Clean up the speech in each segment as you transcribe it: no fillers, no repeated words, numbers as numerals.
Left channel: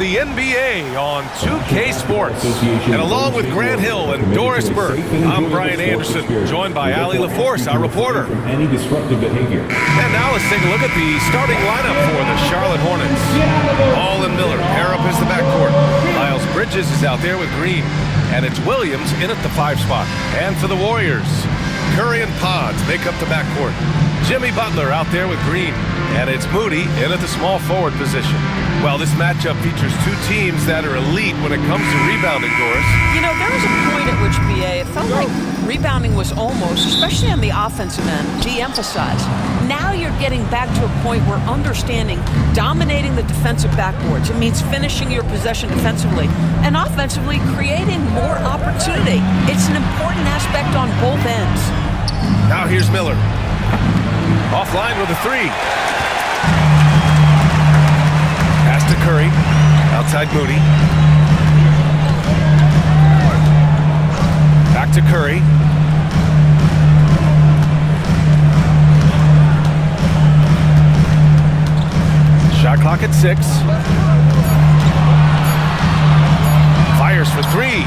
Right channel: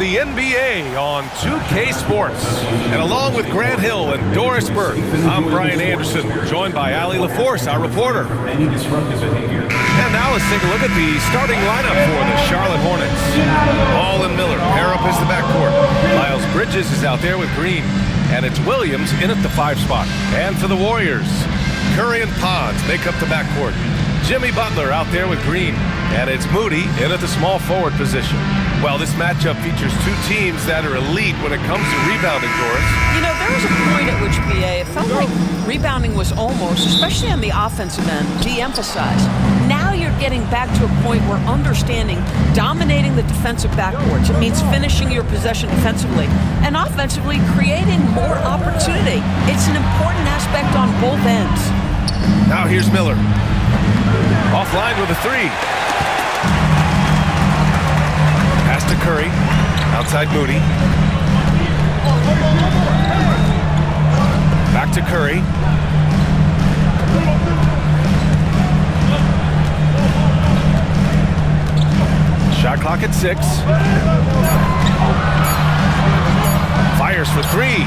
The NBA on 2K Sports. And along with Grant Hill and Doris Burke, I'm Brian Anderson, joined by Allie LaForce, our reporter. Any disruptive behavior. And now let's take a look at the starting lineup for the Charlotte Hornets. Hall and Miller pair up as the backcourt. Miles Bridges is out there with Green. And it's Williams in at the 5 spot. And for the Warriors, Curry and Pods make up the backcourt. Jimmy Butler out there with Green. And it's Moody in at the small forward position. Well, this matchup features two teams that are elite when it comes to rebounding, Doris. You know, there was a point at which, BA, it felt like rebounding was almost, especially on the offensive end, de-emphasized. Now you're getting back to a point where understanding dominating the defensive backboards. It means finishing your possession defensively and offensively creating more opportunity. It's an important aspect on both ends. Now here's Miller. Offline with a 3. Pass to Curry. Outside Moody. Back to Curry. Shot clock at 6. Fires for 3.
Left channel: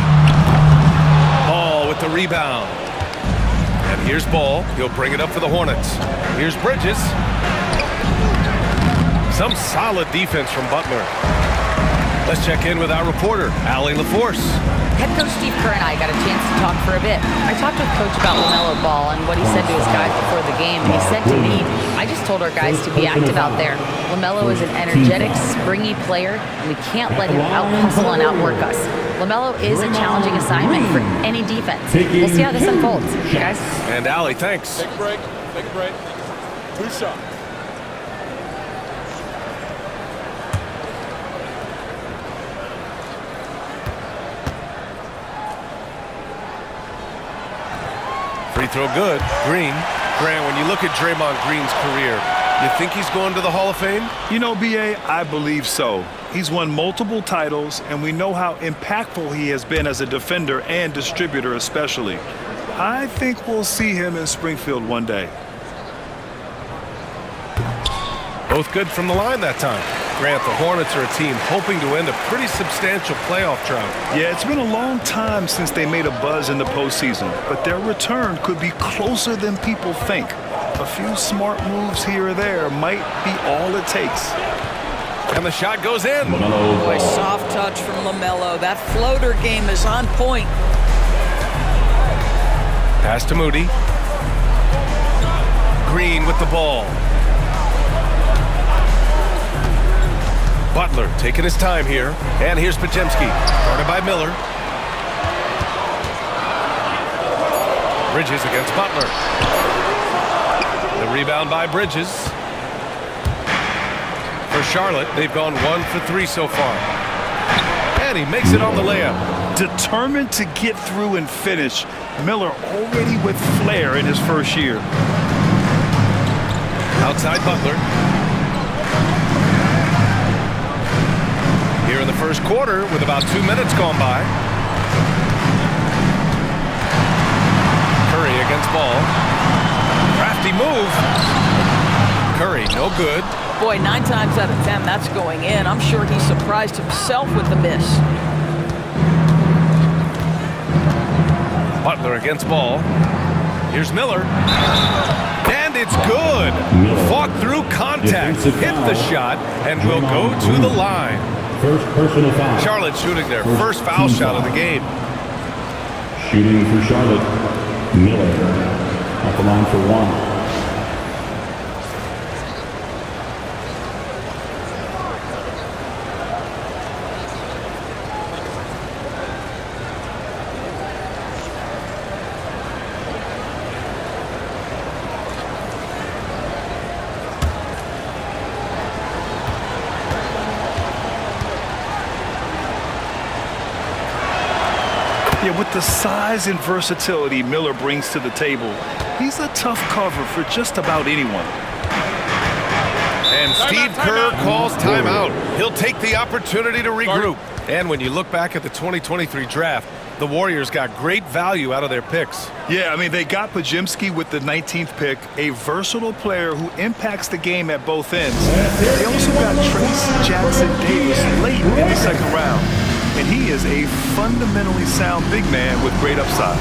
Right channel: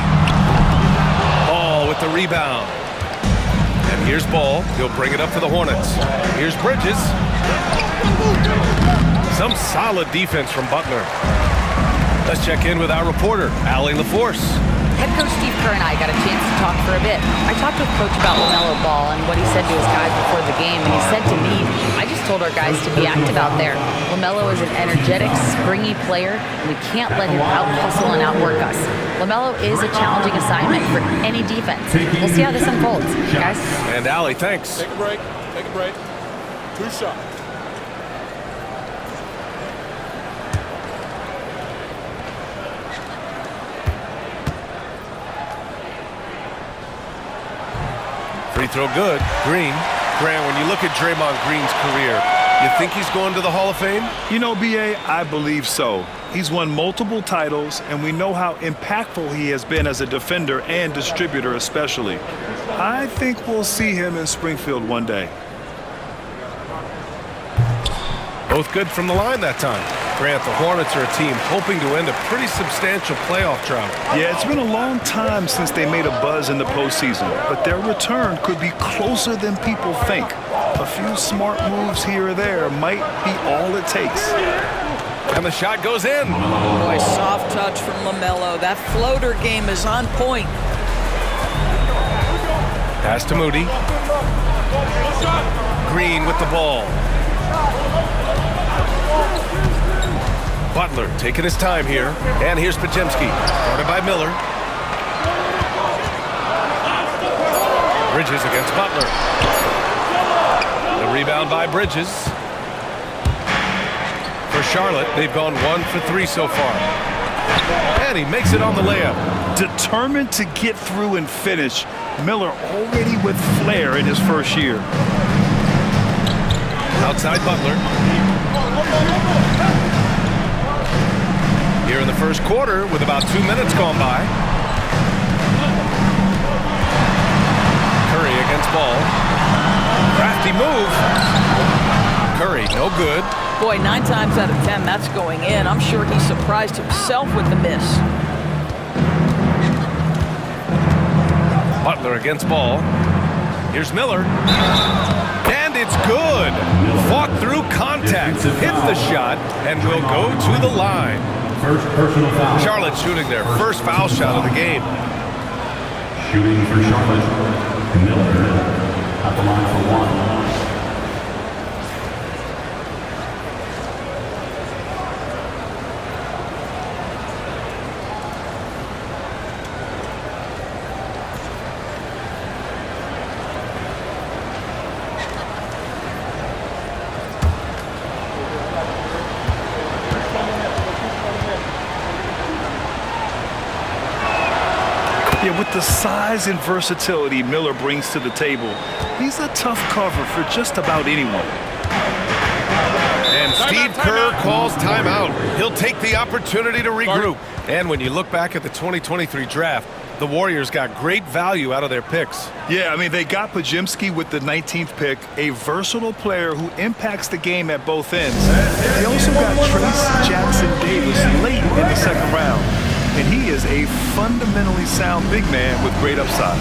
Ball with the rebound. And here's Ball. He'll bring it up for the Hornets. Here's Bridges. Some solid defense from Butler. Let's check in with our reporter, Allie LaForce. Head coach Steve Kerr and I got a chance to talk for a bit. I talked with Coach about LaMelo Ball and what he said to his guys before the game, and he said to me, I just told our guys to be active out there. LaMelo is an energetic, springy player, and we can't let him out-hustle and outwork us. LaMelo is a challenging assignment for any defense. We'll see how this unfolds, guys. And Allie, thanks. Take a break. Take a break. 2 shots. Free throw good. Green. Grant, when you look at Draymond Green's career, you think he's going to the Hall of Fame? You know, B.A., I believe so. He's won multiple titles, and we know how impactful he has been as a defender and distributor especially. I think we'll see him in Springfield one day. Both good from the line that time. Grant, the Hornets are a team hoping to end a pretty substantial playoff drought. Yeah, it's been a long time since they made a buzz in the postseason, but their return could be closer than people think. A few smart moves here or there might be all it takes. And the shot goes in. Boy, soft touch from LaMelo. That floater game is on point. Pass to Moody. Green with the ball. Butler taking his time here. And here's Podziemski, guarded by Miller. Bridges against Butler. The rebound by Bridges. For Charlotte, they've gone 1 for 3 so far. And he makes it on the layup. Determined to get through and finish. Miller already with flair in his first year. Outside Butler. Here in the first quarter with about 2 minutes gone by. Curry against Ball. Crafty move. Curry, no good. Boy, 9 times out of 10, that's going in. I'm sure he surprised himself with the miss. Butler against Ball. Here's Miller. And it's good. Fought through contact, hit the shot, and will go to the line. First personal foul. Charlotte shooting their first foul shot of the game. Shooting for Charlotte, Miller. At the line for 1. Yeah, with the size and versatility Miller brings to the table, he's a tough cover for just about anyone. And Steve Kerr calls timeout. He'll take the opportunity to regroup. And when you look back at the 2023 draft, The Warriors got great value out of their picks. Yeah, I mean, they got Pajimski with the 19th pick, a versatile player who impacts the game at both ends. They also got Trace Jackson-Davis late in the second round, and he is a fundamentally sound big man with great upside.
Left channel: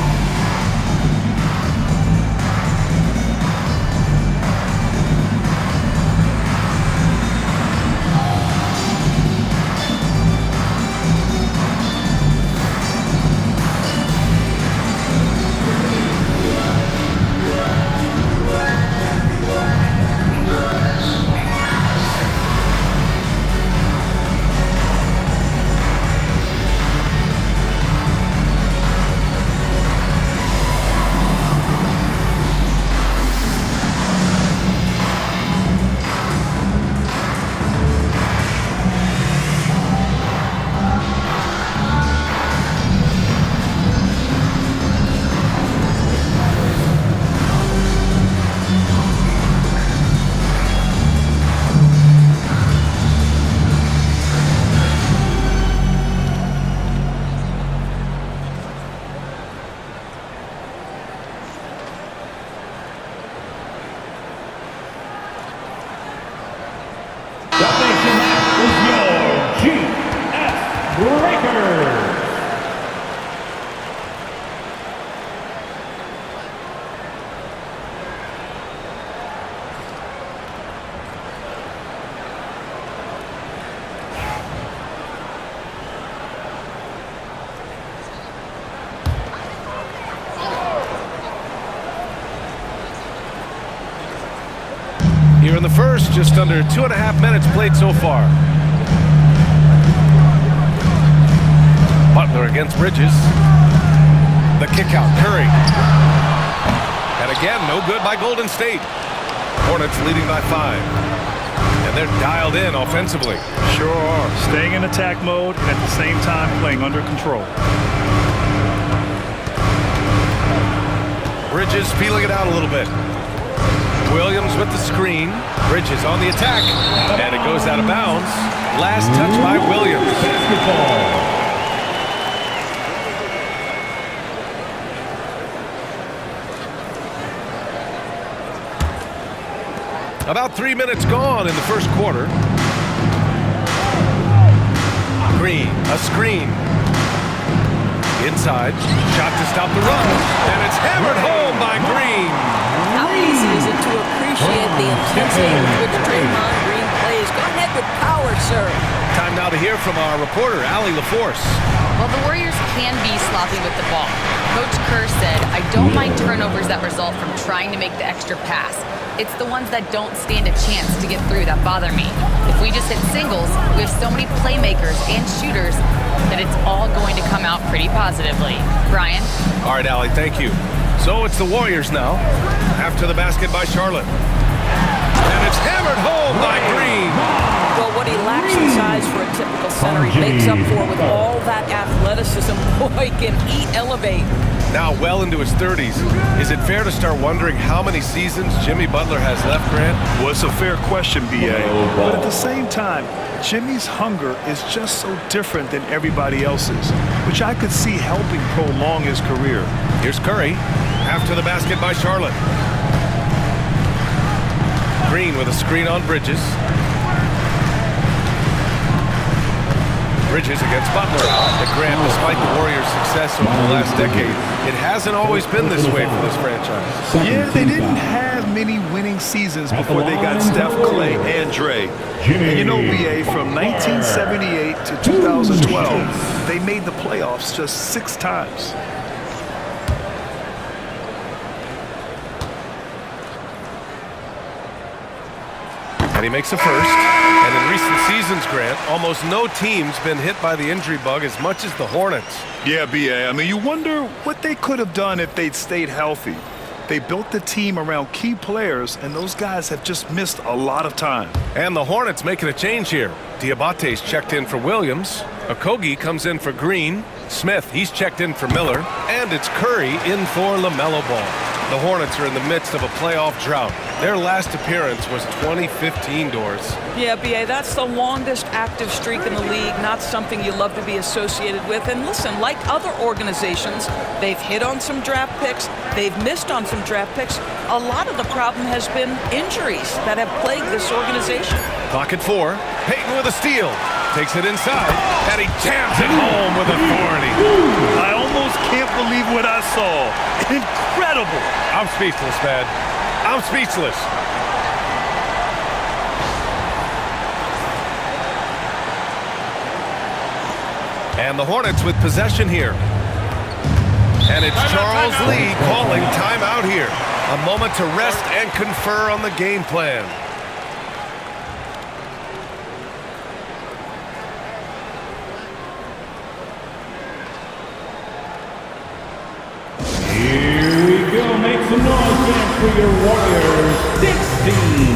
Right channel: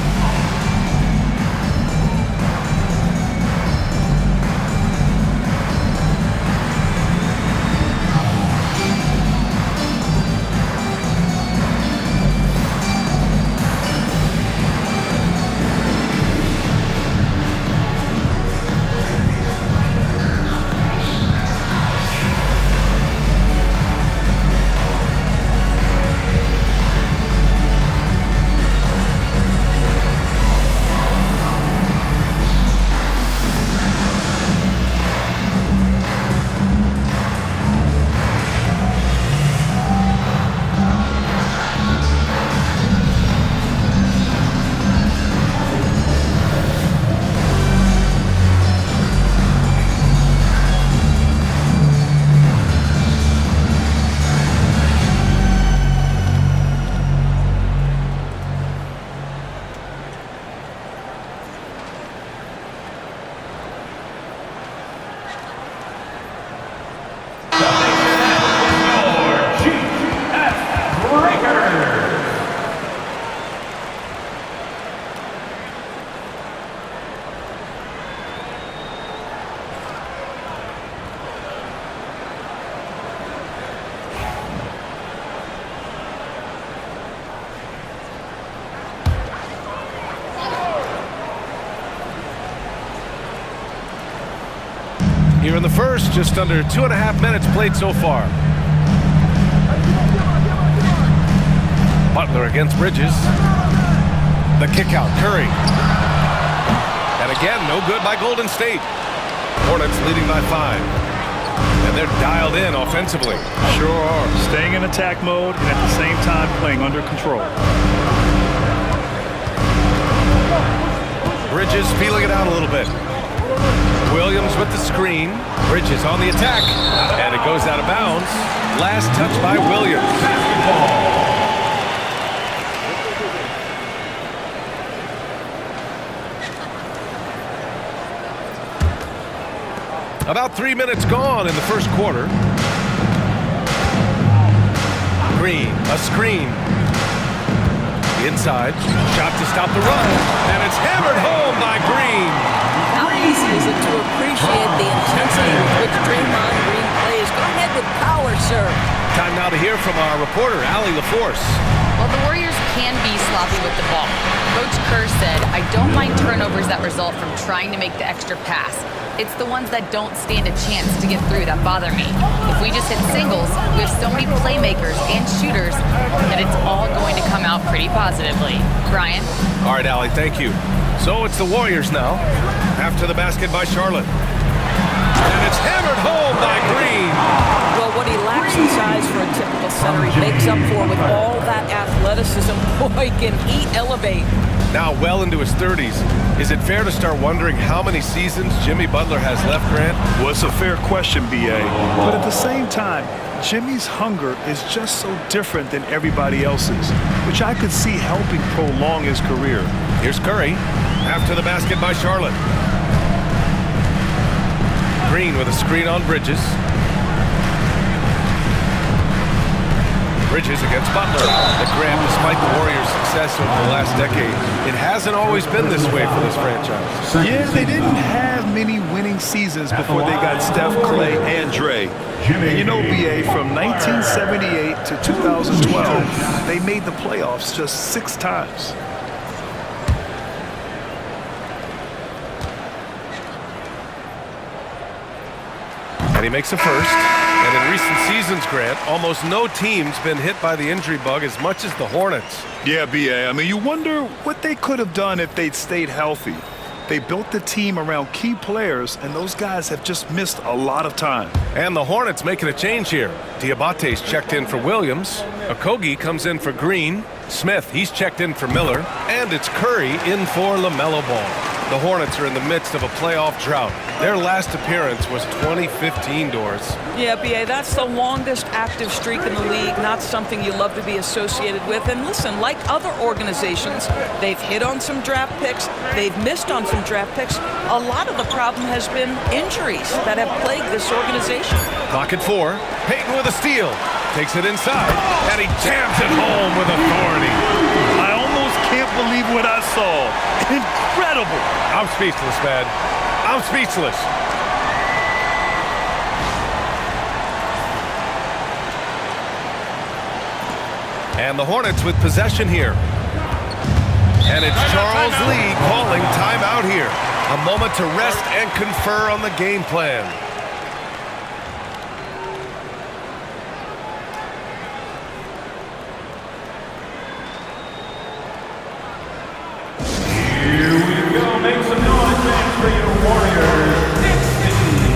Here in the first, just under 2.5 minutes played so far. Butler against Bridges. The kick out, Curry. And again, no good by Golden State. Hornets leading by 5. And they're dialed in offensively. Sure are. Staying in attack mode and at the same time playing under control. Bridges feeling it out a little bit. Williams with the screen. Bridges on the attack. And it goes out of bounds. Last touch by Williams. About 3 minutes gone in the first quarter. Green, a screen. Inside, shot to stop the run. And it's hammered home by Green. How easy is it to appreciate the intensity with which Draymond Green plays? Go ahead with power, sir. Time now to hear from our reporter, Allie LaForce. Well, the Warriors can be sloppy with the ball. Coach Kerr said, I don't mind turnovers that result from trying to make the extra pass. It's the ones that don't stand a chance to get through that bother me. If we just hit singles, we have so many playmakers and shooters that it's all going to come out pretty positively. Brian? All right, Allie, thank you. So it's the Warriors now. After the basket by Charlotte. And it's hammered home by Green. Well, what he lacks in size for a typical center, he makes up for with all that athleticism. Boy, can he elevate. Now well into his 30s. Is it fair to start wondering how many seasons Jimmy Butler has left, Grant? Well, it's a fair question, B.A. But at the same time, Jimmy's hunger is just so different than everybody else's, which I could see helping prolong his career. Here's Curry. After the basket by Charlotte. Green with a screen on Bridges. Bridges against Butler. But Grant, despite the Warriors' success over the last decade, it hasn't always been this way for this franchise. Yeah, they didn't have many winning seasons before they got Steph, Clay, and Dre. And you know, B.A., from 1978 to 2012, they made the playoffs just 6 times. And he makes a first. And in recent seasons, Grant, almost no team's been hit by the injury bug as much as the Hornets. Yeah, B.A., I mean, you wonder what they could have done if they'd stayed healthy. They built the team around key players, and those guys have just missed a lot of time. And the Hornets making a change here. Diabate's checked in for Williams. Okogie comes in for Green. Smith, he's checked in for Miller. And it's Curry in for LaMelo Ball. The Hornets are in the midst of a playoff drought. Their last appearance was 2015, Doris. Yeah, B.A., that's the longest active streak in the league, not something you love to be associated with. And listen, like other organizations, they've hit on some draft picks, they've missed on some draft picks. A lot of the problem has been injuries that have plagued this organization. Clock at 4. Payton with a steal. Takes it inside, and he jams it home with authority. I almost can't believe what I saw. Incredible. I'm speechless, man. I'm speechless. And the Hornets with possession here. And it's Charles Lee calling timeout here. A moment to rest and confer on the game plan. Here we go. Make some noise, man, for your Warriors 16.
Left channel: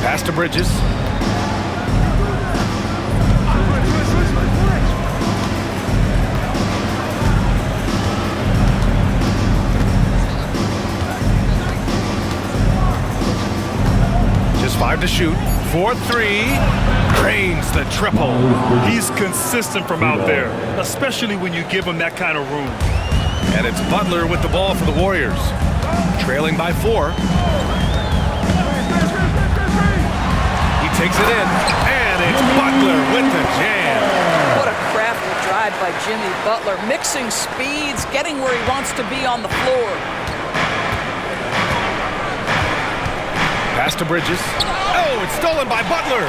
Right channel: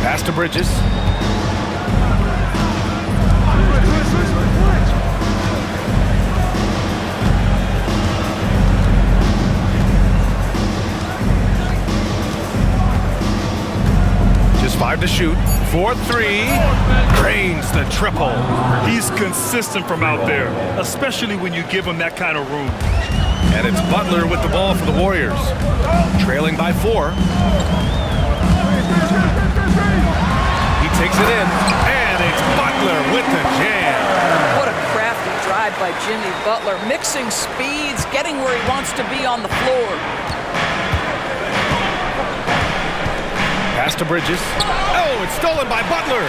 Pass to Bridges. Just 5 to shoot. 4-3. Drains the triple. He's consistent from out there, especially when you give him that kind of room. And it's Butler with the ball for the Warriors. Trailing by 4. He takes it in, and it's Butler with the jam. What a crafty drive by Jimmy Butler, mixing speeds, getting where he wants to be on the floor. Pass to Bridges. Oh, it's stolen by Butler.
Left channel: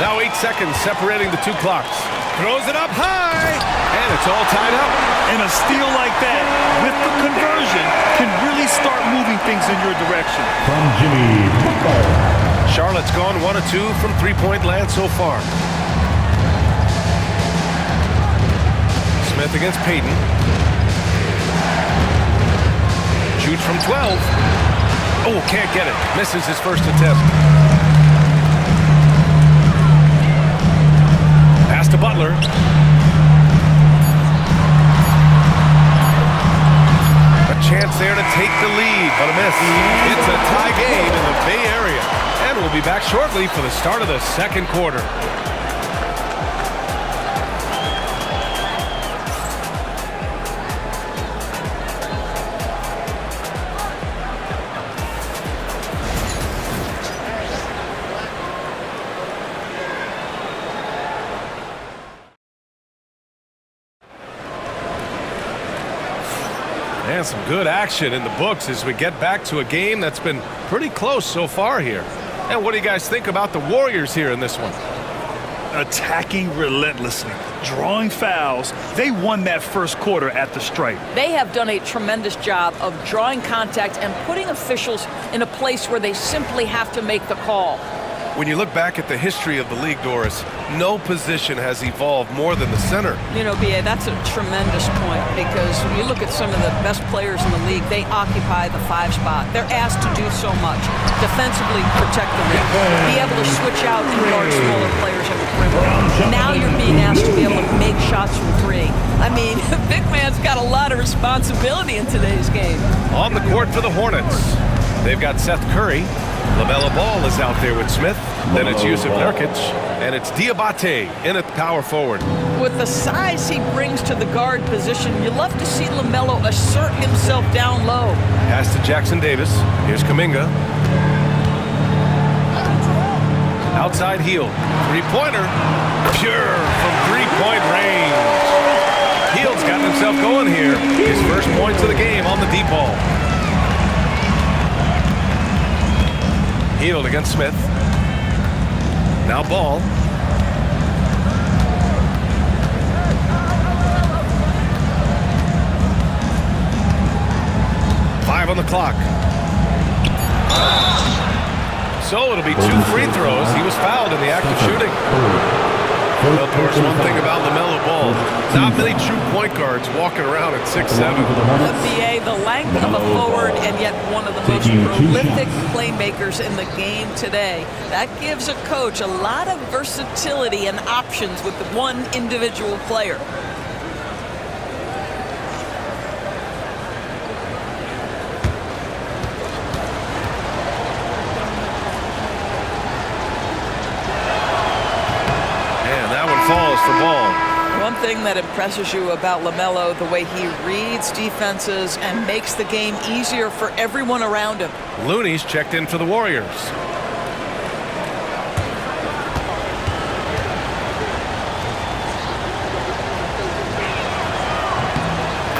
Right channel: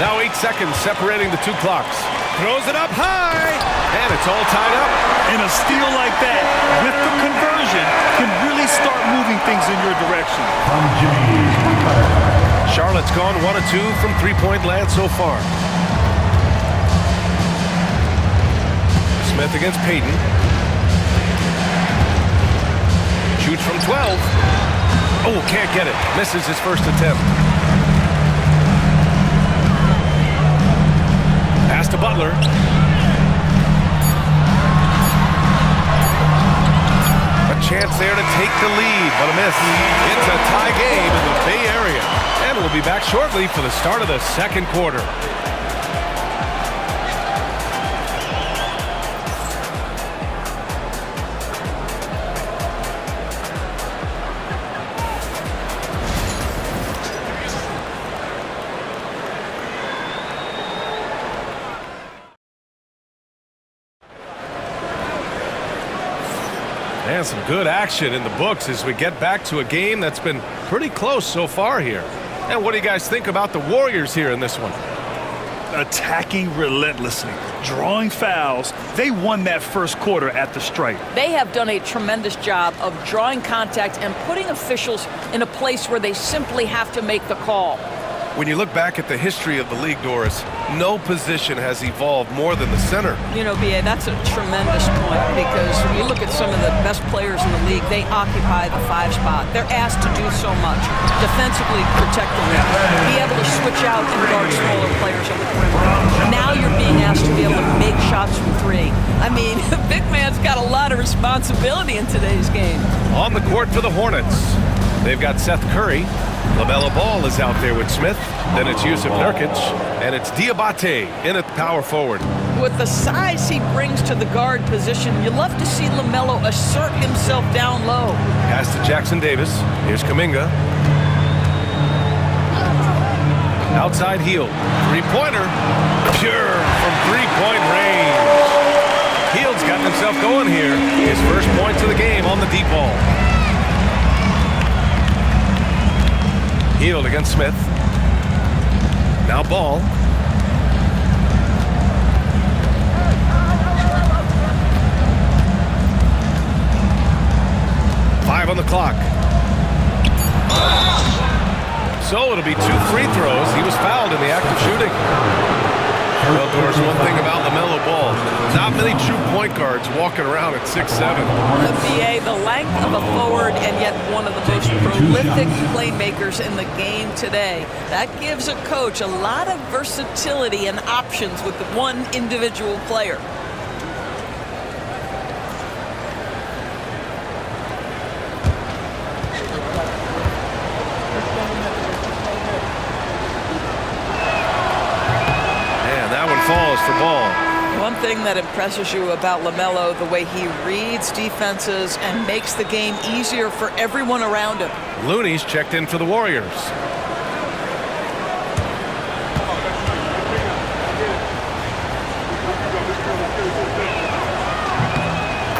Now 8 seconds separating the two clocks. Throws it up high, and it's all tied up. And a steal like that, with the conversion, can really start moving things in your direction. From Jimmy. Charlotte's gone 1 of 2 from three-point land so far. Smith against Payton. Shoots from 12. Oh, can't get it. Misses his first attempt. Pass to Butler. A chance there to take the lead, but a miss. It's a tie game in the Bay Area. And we'll be back shortly for the start of the second quarter. And some good action in the books as we get back to a game that's been pretty close so far here. And what do you guys think about the Warriors here in this one? Attacking relentlessly, drawing fouls. They won that first quarter at the stripe. They have done a tremendous job of drawing contact and putting officials in a place where they simply have to make the call. When you look back at the history of the league, Doris, no position has evolved more than the center. You know, B.A., that's a tremendous point because when you look at some of the best players in the league, they occupy the 5 spot. They're asked to do so much. Defensively, protect the rim. Be able to switch out and guard smaller players on the perimeter. Now you're being asked to be able to make shots from 3. I mean, big man's got a lot of responsibility in today's game. On the court for the Hornets, they've got Seth Curry. LaMelo Ball is out there with Smith. Then it's Yusuf Nurkic. And it's Diabate in at power forward. With the size he brings to the guard position, you love to see LaMelo assert himself down low. Pass to Jackson Davis. Here's Kuminga. Outside heel. 3-pointer. Pure from 3-point range. Hield's gotten himself going here. His first points of the game on the deep ball. Hield against Smith. Now Ball. Five on the clock. So it'll be 2 free throws. He was fouled in the act of shooting. Well, Doris, one thing about LaMelo Ball, not many true point guards walking around at 6'7". The BA, the length of a forward and yet one of the most prolific playmakers in the game today. That gives a coach a lot of versatility and options with one individual player. Falls for Ball. One thing that impresses you about LaMelo, the way he reads defenses and makes the game easier for everyone around him. Looney's checked in for the Warriors.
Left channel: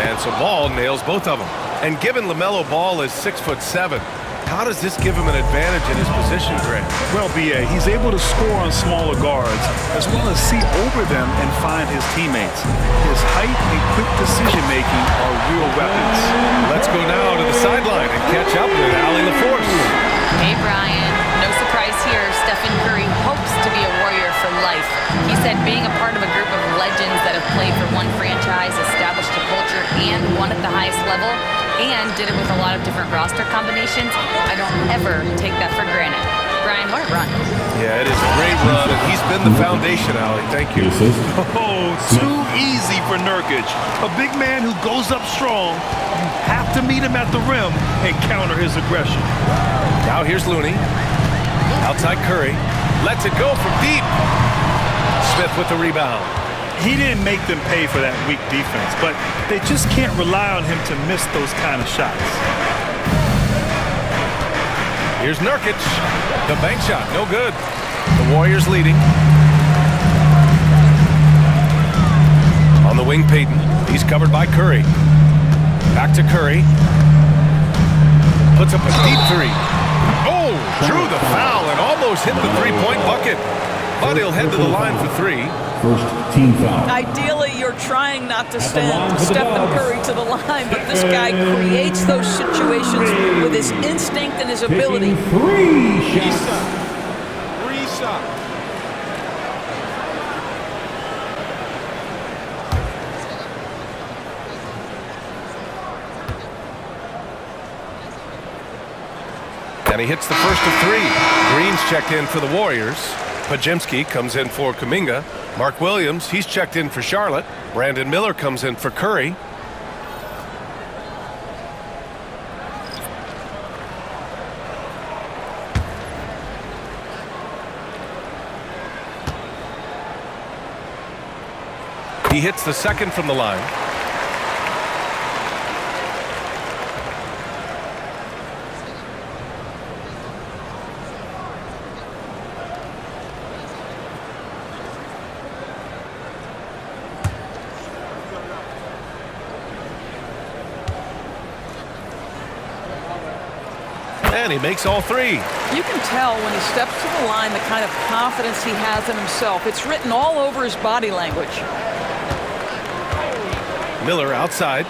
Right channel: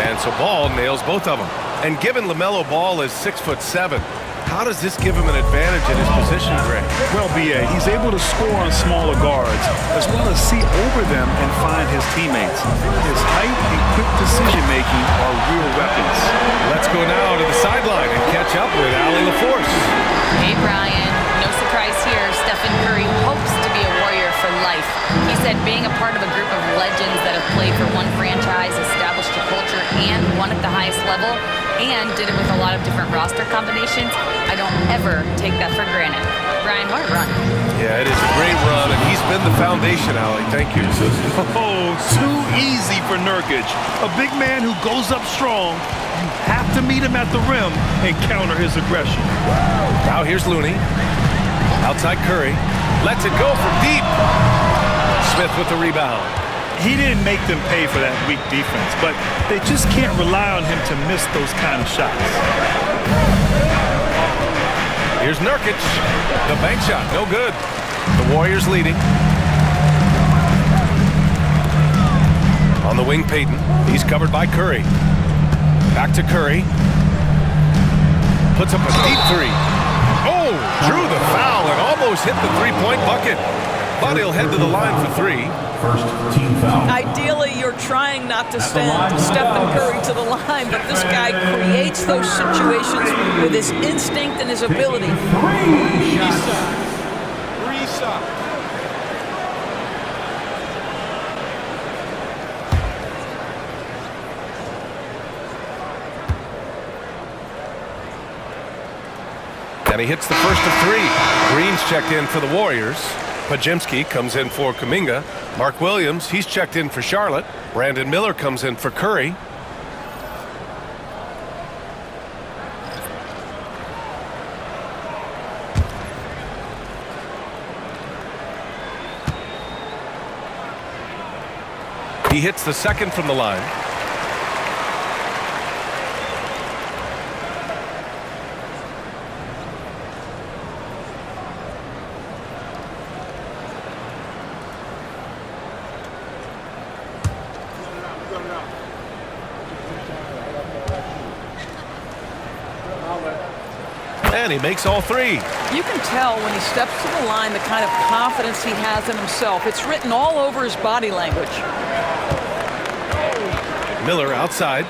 And so Ball nails both of them. And given LaMelo Ball is 6'7", how does this give him an advantage in his position, Greg? Well, B.A., he's able to score on smaller guards as well as see over them and find his teammates. His height and quick decision-making are real weapons. Let's go now to the sideline and catch up with Allie LaForce. Hey, Brian. No surprise here. Stephen Curry hopes to be a Warrior for life. He said being a part of a group of legends that have played for one franchise, established a culture, and won at the highest level, and did it with a lot of different roster combinations, I don't ever take that for granted. Brian, what a run. Yeah, it is a great run, and he's been the foundation, Allie. Thank you. Oh, too easy for Nurkic. A big man who goes up strong. You have to meet him at the rim and counter his aggression. Now here's Looney. Outside Curry. Lets it go from deep. Smith with the rebound. He didn't make them pay for that weak defense, but they just can't rely on him to miss those kind of shots. Here's Nurkic. The bank shot, no good. The Warriors leading. On the wing, Payton. He's covered by Curry. Back to Curry. Puts up a deep 3. Oh, drew the foul and almost hit the 3-point bucket. But he'll head to the line for 3. First team foul. Ideally, you're trying not to send Stephen Curry to the line, but this guy creates those situations with his instinct and his ability. Reset. And he hits the first of 3. Green's checked in for the Warriors. Pajemski comes in for Kuminga. Mark Williams, he's checked in for Charlotte. Brandon Miller comes in for Curry. He hits the second from the line. And he makes all 3. You can tell when he steps to the line the kind of confidence he has in himself. It's written all over his body language. Miller outside.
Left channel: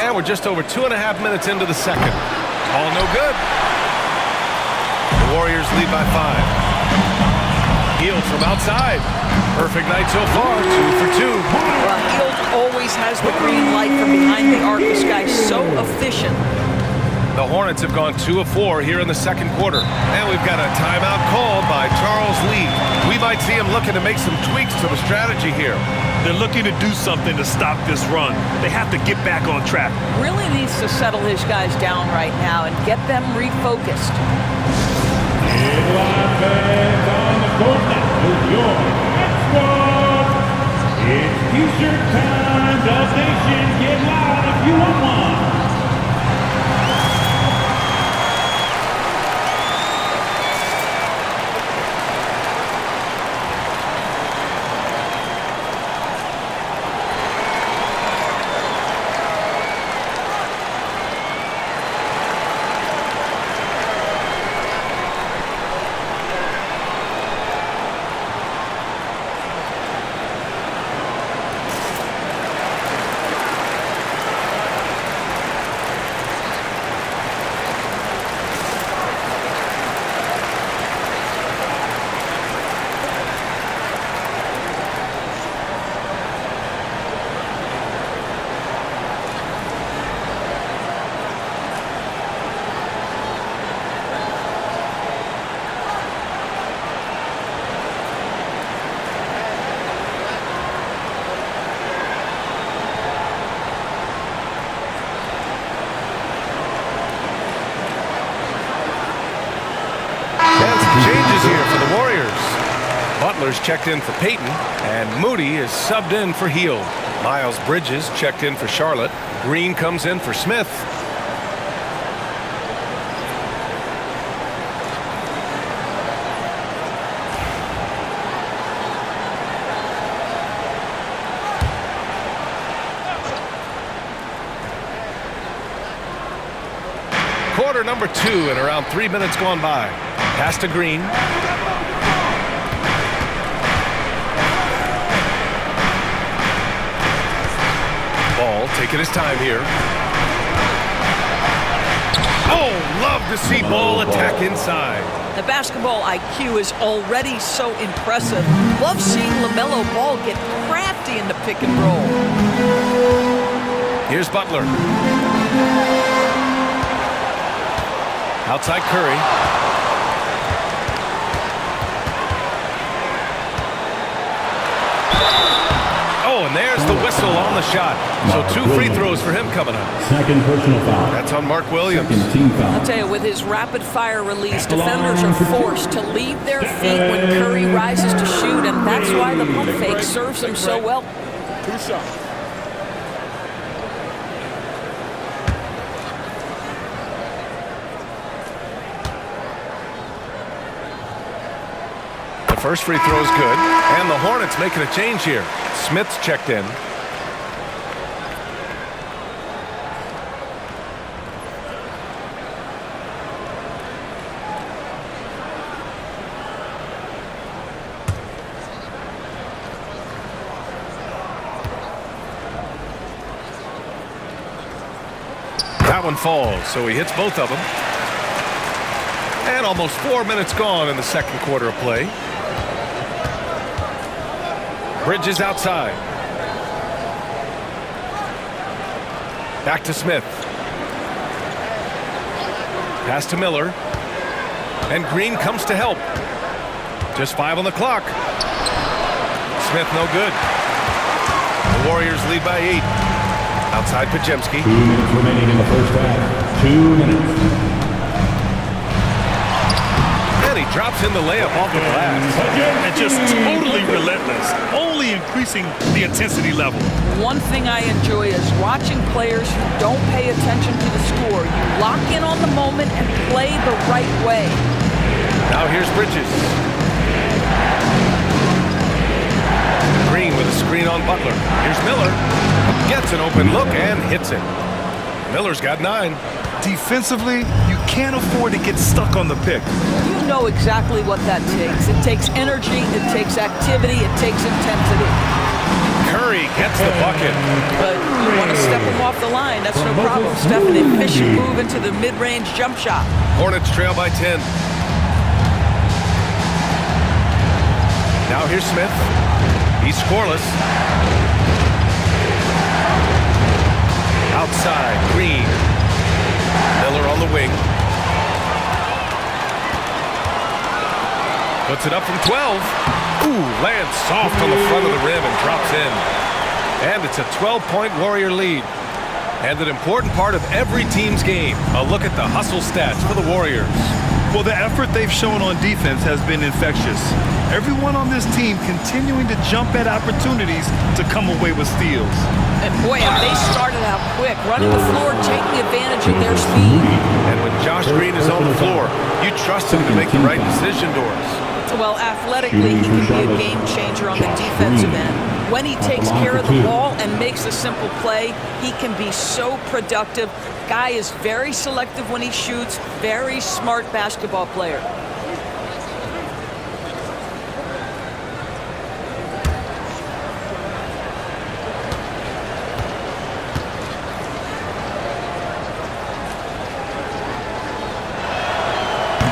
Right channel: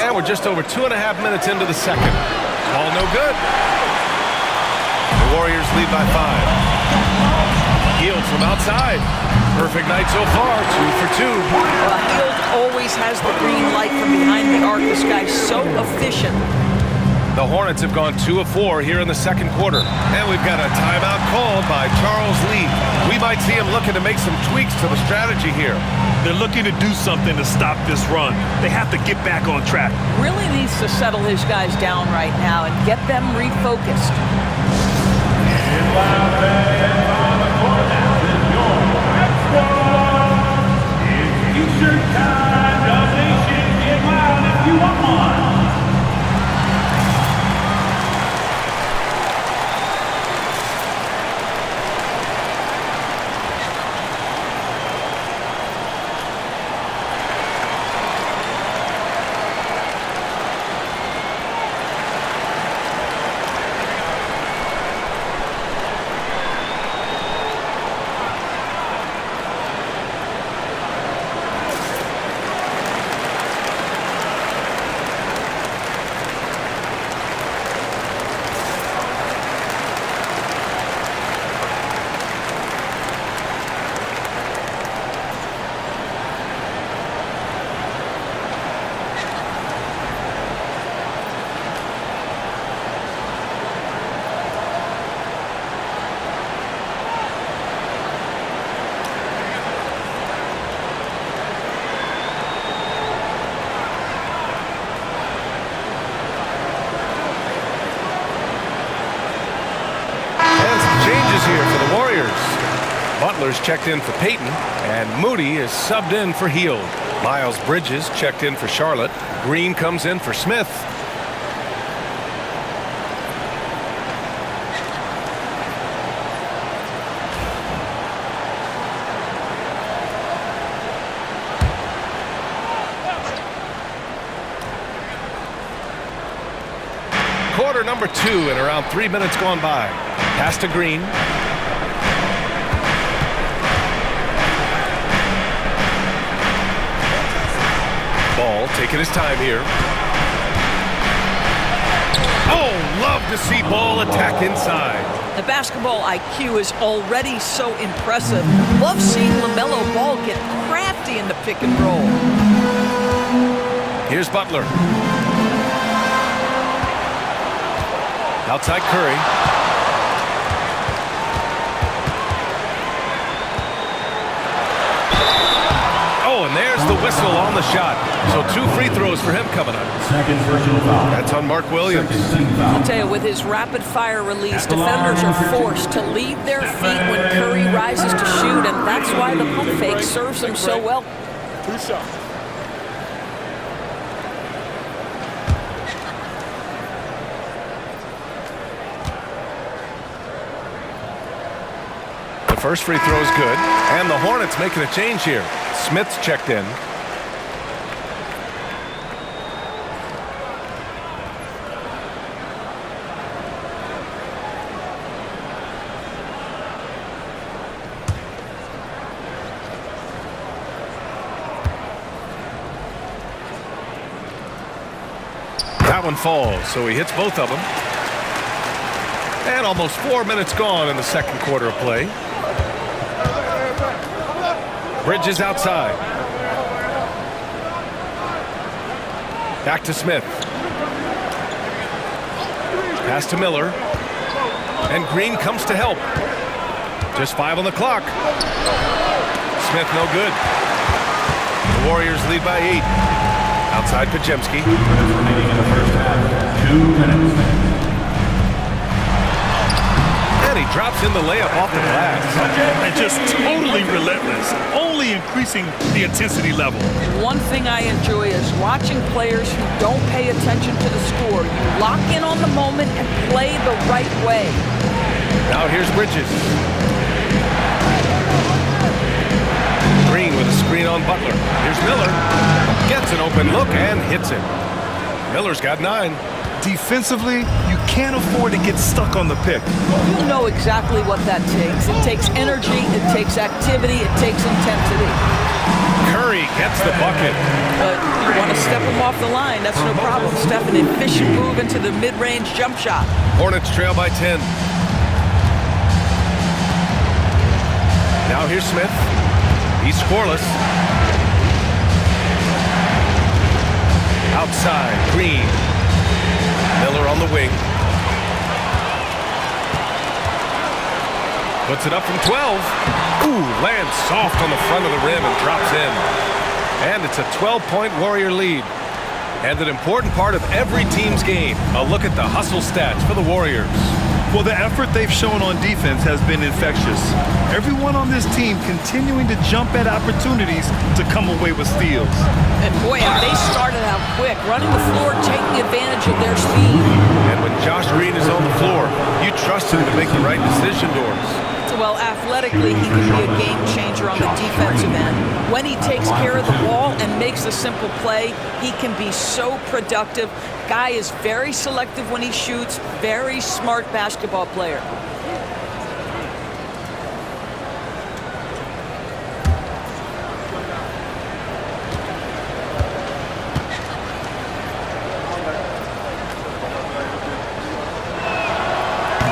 And we're just over 2.5 minutes into the second. Ball no good. The Warriors lead by 5. Hield from outside. Perfect night so far, 2 for 2. Well, Hield always has the green light from behind the arc. This guy's so efficient. The Hornets have gone 2 of 4 here in the second quarter. And we've got a timeout called by Charles Lee. We might see him looking to make some tweaks to the strategy here. They're looking to do something to stop this run. They have to get back on track. Really needs to settle his guys down right now and get them refocused. In loud fans on the court now is your next one. It's T-shirt time. Dub Nation, get loud if you want one. Changes here for the Warriors. Butler's checked in for Payton, and Moody is subbed in for Hield. Miles Bridges checked in for Charlotte. Green comes in for Smith. Quarter number 2 and around 3 minutes gone by. Pass to Green. Ball taking his time here. Oh, love to see Ball attack inside. The basketball IQ is already so impressive. Love seeing LaMelo Ball get crafty in the pick and roll. Here's Butler. Outside Curry. Oh, and there's the whistle on the shot. So 2 free throws for him coming up. Second personal foul. That's on Mark Williams. Second team foul. I'll tell you, with his rapid-fire release, defenders are forced to leave their feet when Curry rises to shoot, and that's why the pump fake serves him so well. 2 shots. The first free throw is good, and the Hornets making a change here. Smith's checked in. That one falls, so he hits both of them. And almost 4 minutes gone in the second quarter of play. Bridges outside. Back to Smith. Pass to Miller. And Green comes to help. Just 5 on the clock. Smith no good. The Warriors lead by 8. Outside Pajemski. 2 minutes remaining in the first half. 2 minutes. And he drops in the layup off the glass. And just totally relentless, only increasing the intensity level. One thing I enjoy is watching players who don't pay attention to the score. You lock in on the moment and play the right way. Now here's Bridges. Green with a screen on Butler. Here's Miller. Gets an open look and hits it. Miller's got 9. Defensively, you can't afford to get stuck on the pick. You know exactly what that takes. It takes energy, it takes activity, it takes intensity. Curry gets the bucket. But you want to step him off the line, that's no problem. Steph, an efficient move into the mid-range jump shot. Hornets trail by 10. Now here's Smith. He's scoreless. Outside, Green. Miller on the wing. Puts it up from 12. Ooh, lands soft on the front of the rim and drops in. And it's a 12-point Warrior lead. And an important part of every team's game. A look at the hustle stats for the Warriors. Well, the effort they've shown on defense has been infectious. Everyone on this team continuing to jump at opportunities to come away with steals. And boy, have they started out quick, running the floor, taking advantage of their speed. And when Josh Green is on the floor, you trust him to make the right decision, Doris. Well, athletically, he can be a game changer on the defensive end. When he takes care of the ball and makes a simple play, he can be so productive. Guy is very selective when he shoots, very smart basketball player.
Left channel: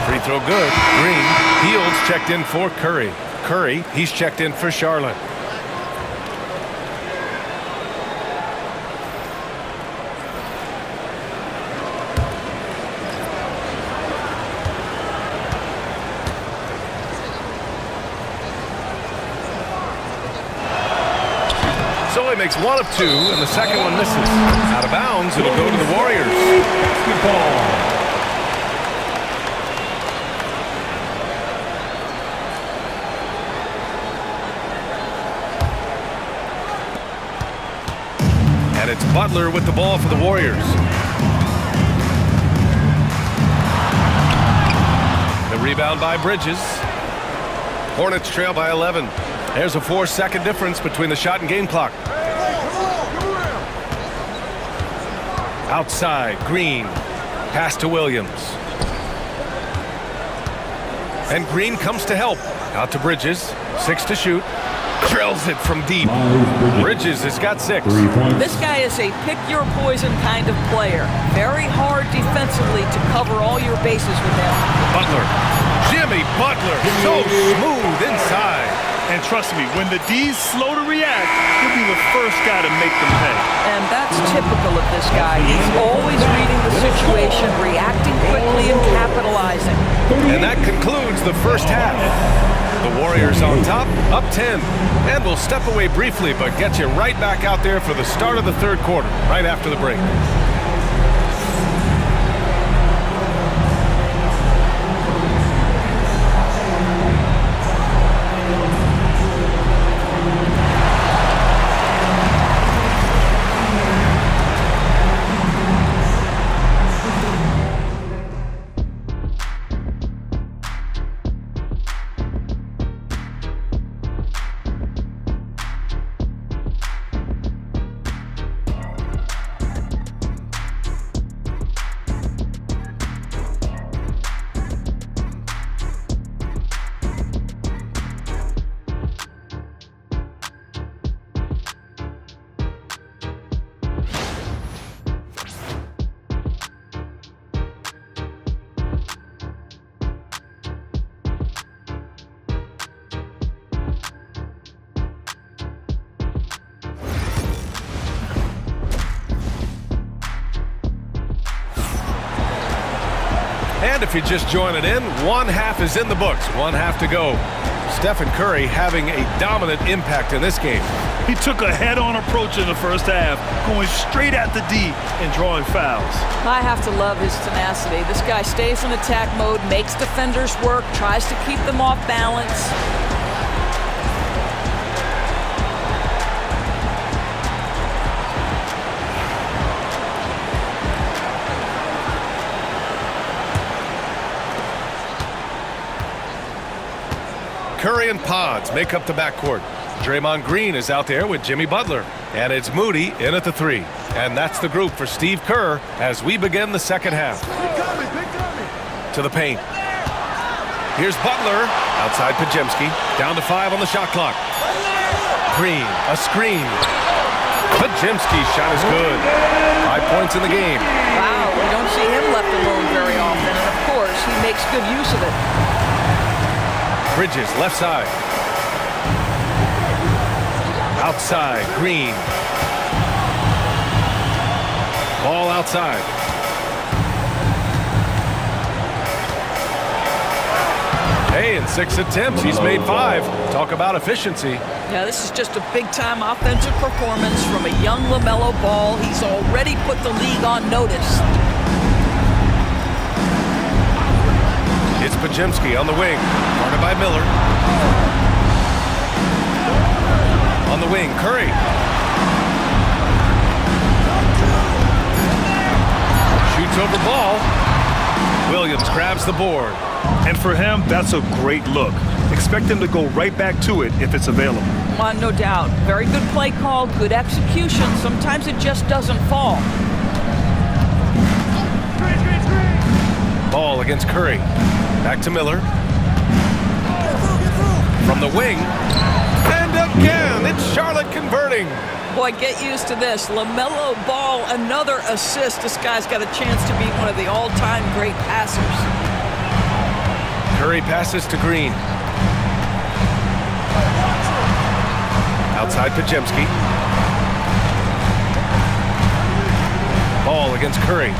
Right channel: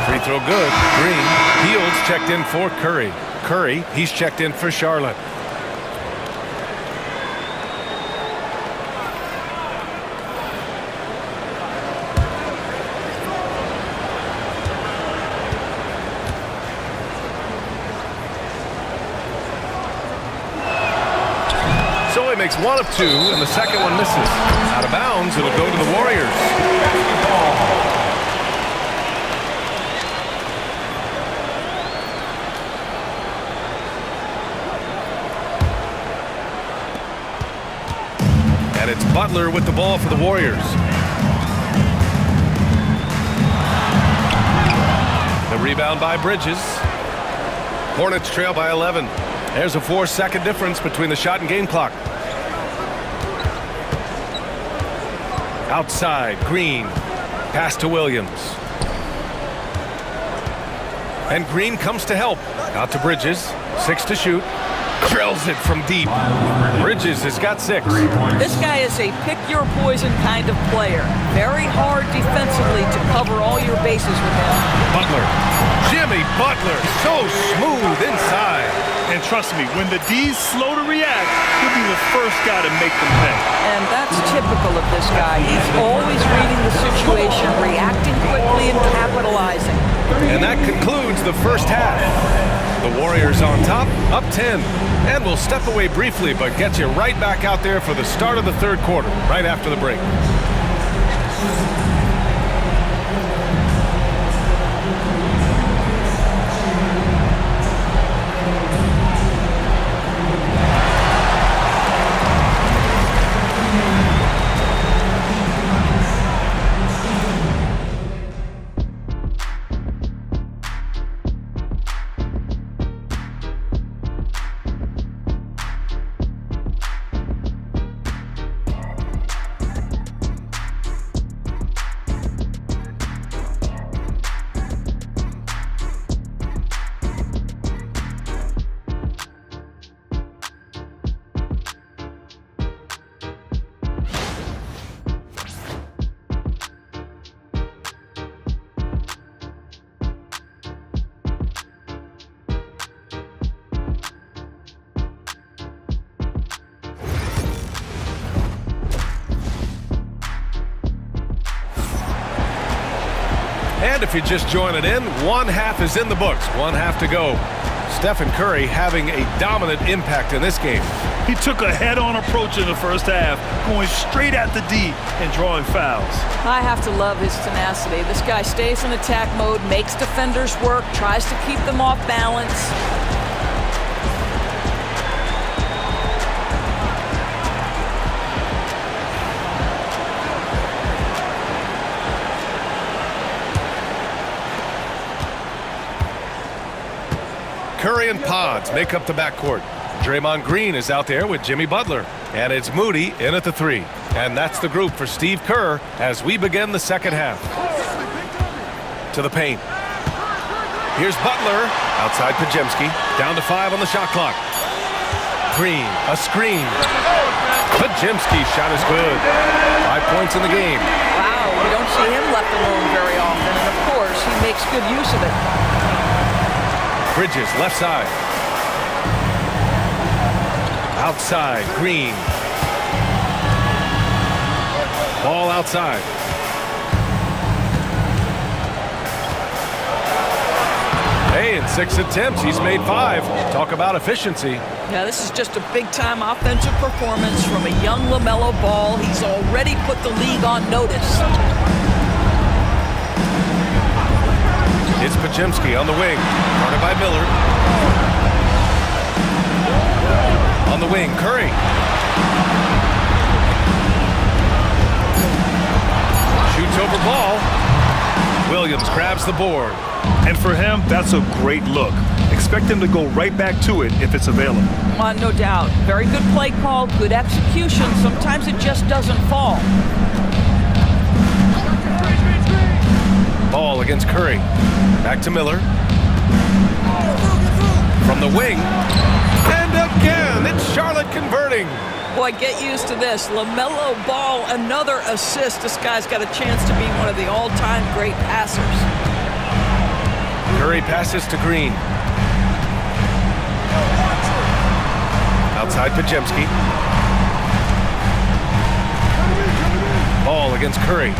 Free throw good. Green. Fields checked in for Curry. Curry, he's checked in for Charlotte. So he makes one of two, and the second one misses. Out of bounds, it'll go to the Warriors. Basketball. And it's Butler with the ball for the Warriors. The rebound by Bridges. Hornets trail by 11. There's a 4-second difference between the shot and game clock. Outside, Green. Pass to Williams. And Green comes to help. Out to Bridges. 6 to shoot. Drills it from deep. Bridges has got 6. This guy is a pick-your-poison kind of player. Very hard defensively to cover all your bases with him. Butler. Jimmy Butler. So smooth inside. And trust me, when the D's slow to react, he'll be the first guy to make them pay. And that's typical of this guy. He's always reading the situation, reacting quickly, and capitalizing. And that concludes the first half. The Warriors on top, up 10. And we'll step away briefly, but get you right back out there for the start of the third quarter, right after the break. And if you're just joining in, one half is in the books, one half to go. Stephen Curry having a dominant impact in this game. He took a head-on approach in the first half, going straight at the D and drawing fouls. I have to love his tenacity. This guy stays in attack mode, makes defenders work, tries to keep them off balance. Curry and Pods make up the backcourt. Draymond Green is out there with Jimmy Butler. And it's Moody in at the 3. And that's the group for Steve Kerr as we begin the second half. To the paint. Here's Butler. Outside Pajemski. Down to 5 on the shot clock. Green, a screen. Pajemski's shot is good. 5 points in the game. Wow, you don't see him left alone very often, and of course, he makes good use of it. Bridges, left side. Outside, Green. Ball outside. Hey, in 6 attempts, he's made 5. Talk about efficiency. Yeah, this is just a big-time offensive performance from a young LaMelo Ball. He's already put the league on notice. It's Pajemski on the wing, guarded by Miller. On the wing, Curry. Shoots over Ball. Williams grabs the board. And for him, that's a great look. Expect him to go right back to it if it's available. No doubt. Very good play call, good execution. Sometimes it just doesn't fall. Ball against Curry. Back to Miller. From the wing. And again, it's Charlotte converting. Boy, get used to this. LaMelo Ball, another assist. This guy's got a chance to be one of the all-time great passers. Curry passes to Green. Outside Pajemski. Ball against Curry.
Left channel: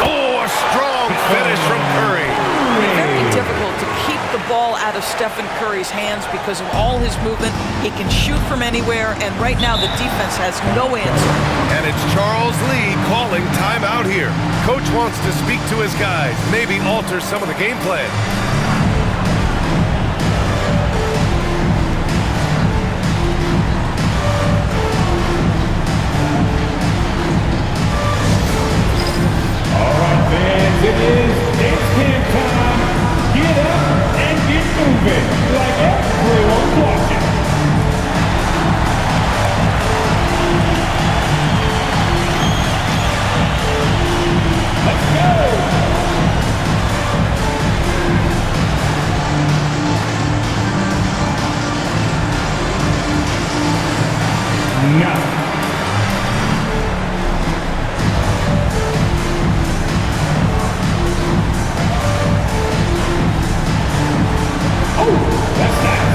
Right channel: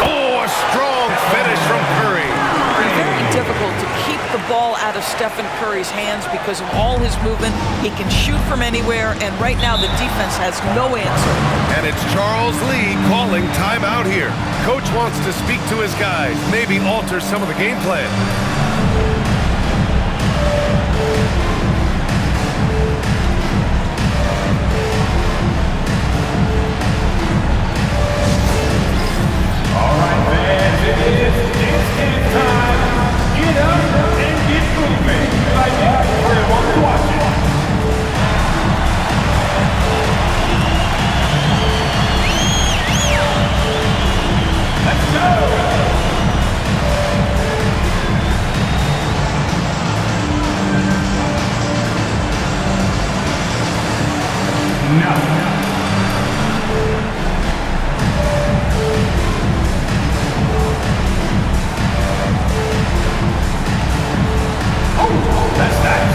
Oh, a strong finish from Curry. Very difficult to keep the ball out of Stephen Curry's hands because of all his movement. He can shoot from anywhere, and right now the defense has no answer. And it's Charles Lee calling timeout here. Coach wants to speak to his guys, maybe alter some of the game plan. All right, fans, it is cant time. Get up and get moving. Like everyone's watching. Let's go. No. That's nice.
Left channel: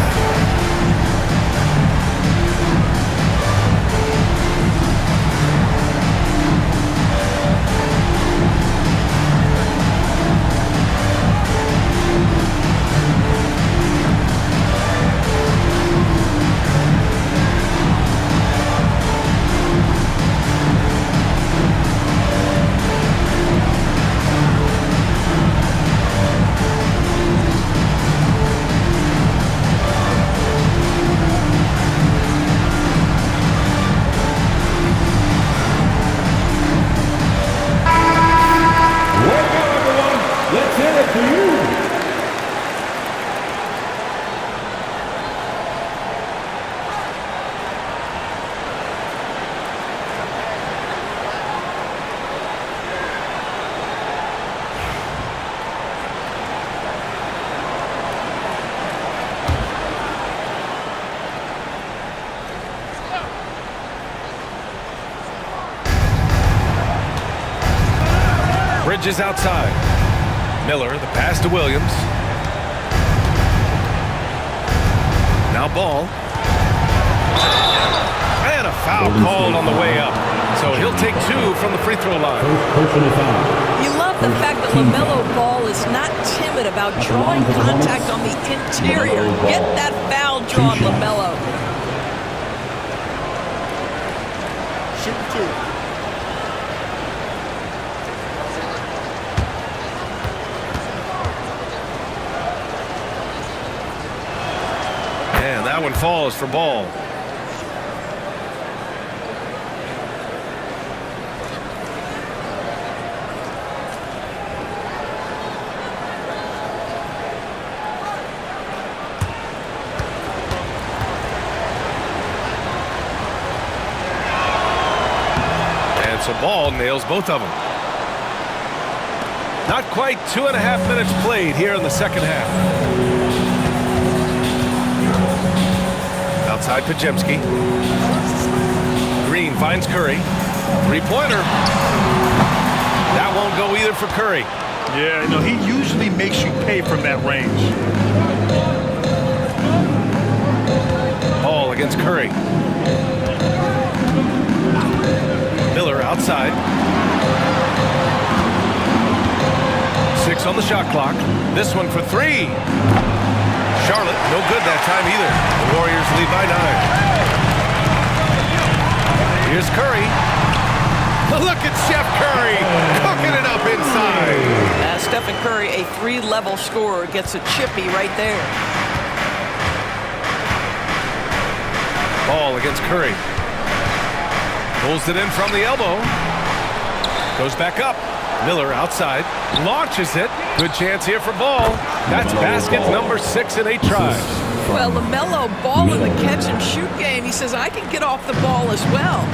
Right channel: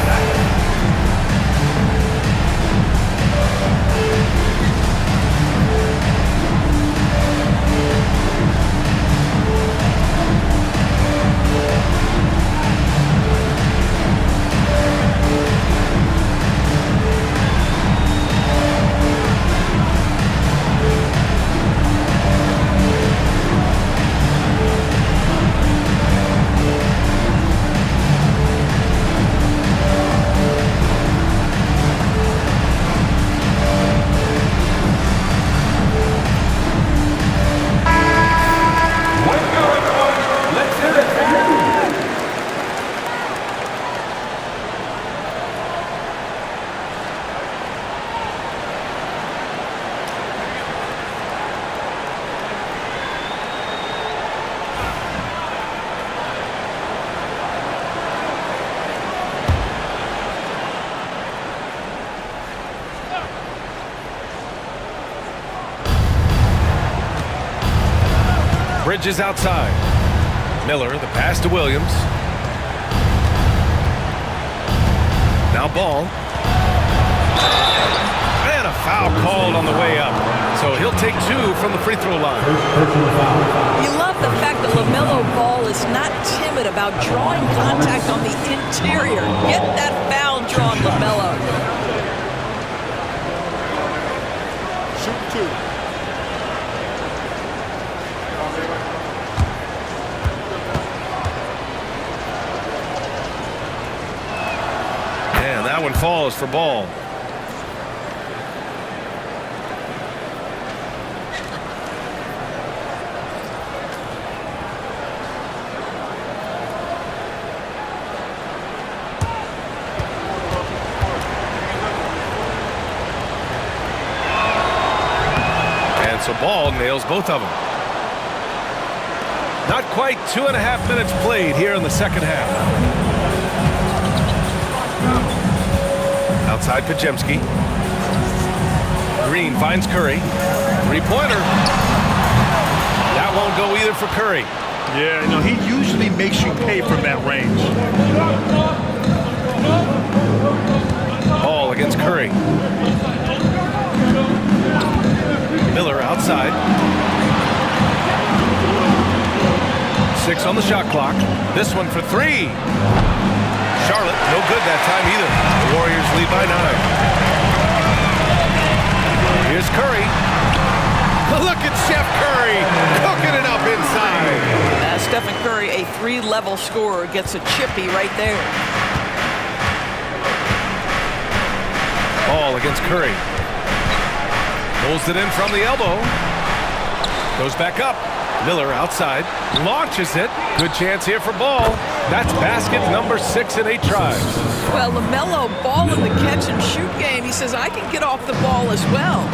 Bridges outside. Miller, the pass to Williams. Now Ball. And a foul called on the way up. So he'll take 2 from the free throw line. Personal foul. You love the fact that LaMelo Ball is not timid about drawing contact on the interior. Get that foul drawn, LaMelo. Shoot 2. And that one falls for Ball. And so Ball nails both of them. Not quite 2.5 minutes played here in the second half. Outside Pajemski. Green finds Curry. Three-pointer. That won't go either for Curry. Yeah, you know, he usually makes you pay from that range. Ball against Curry. Miller outside. 6 on the shot clock. This one for 3. Charlotte, no good that time either. The Warriors lead by 9. Here's Curry. Look at Chef Curry cooking it up inside. Stephen Curry, a 3-level scorer, gets a chippy right there. Ball against Curry. Pulls it in from the elbow. Goes back up. Miller outside. Launches it. Good chance here for Ball. That's basket number 6 in 8 tries. Well, LaMelo Ball in the catch and shoot game. He says, I can get off the ball as well.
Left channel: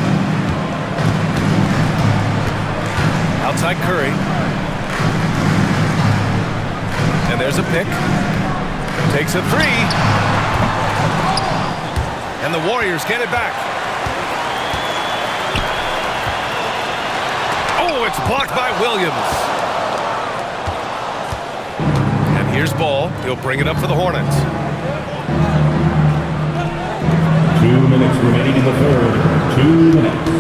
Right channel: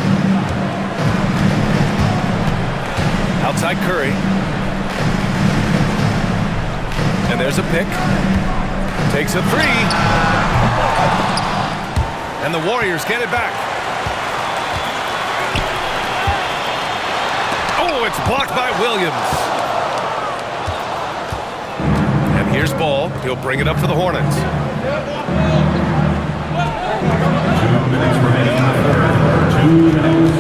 Outside Curry. And there's a pick. Takes a 3. And the Warriors get it back. Oh, it's blocked by Williams. And here's Ball. He'll bring it up for the Hornets. 2 minutes remaining in the third. 2 minutes.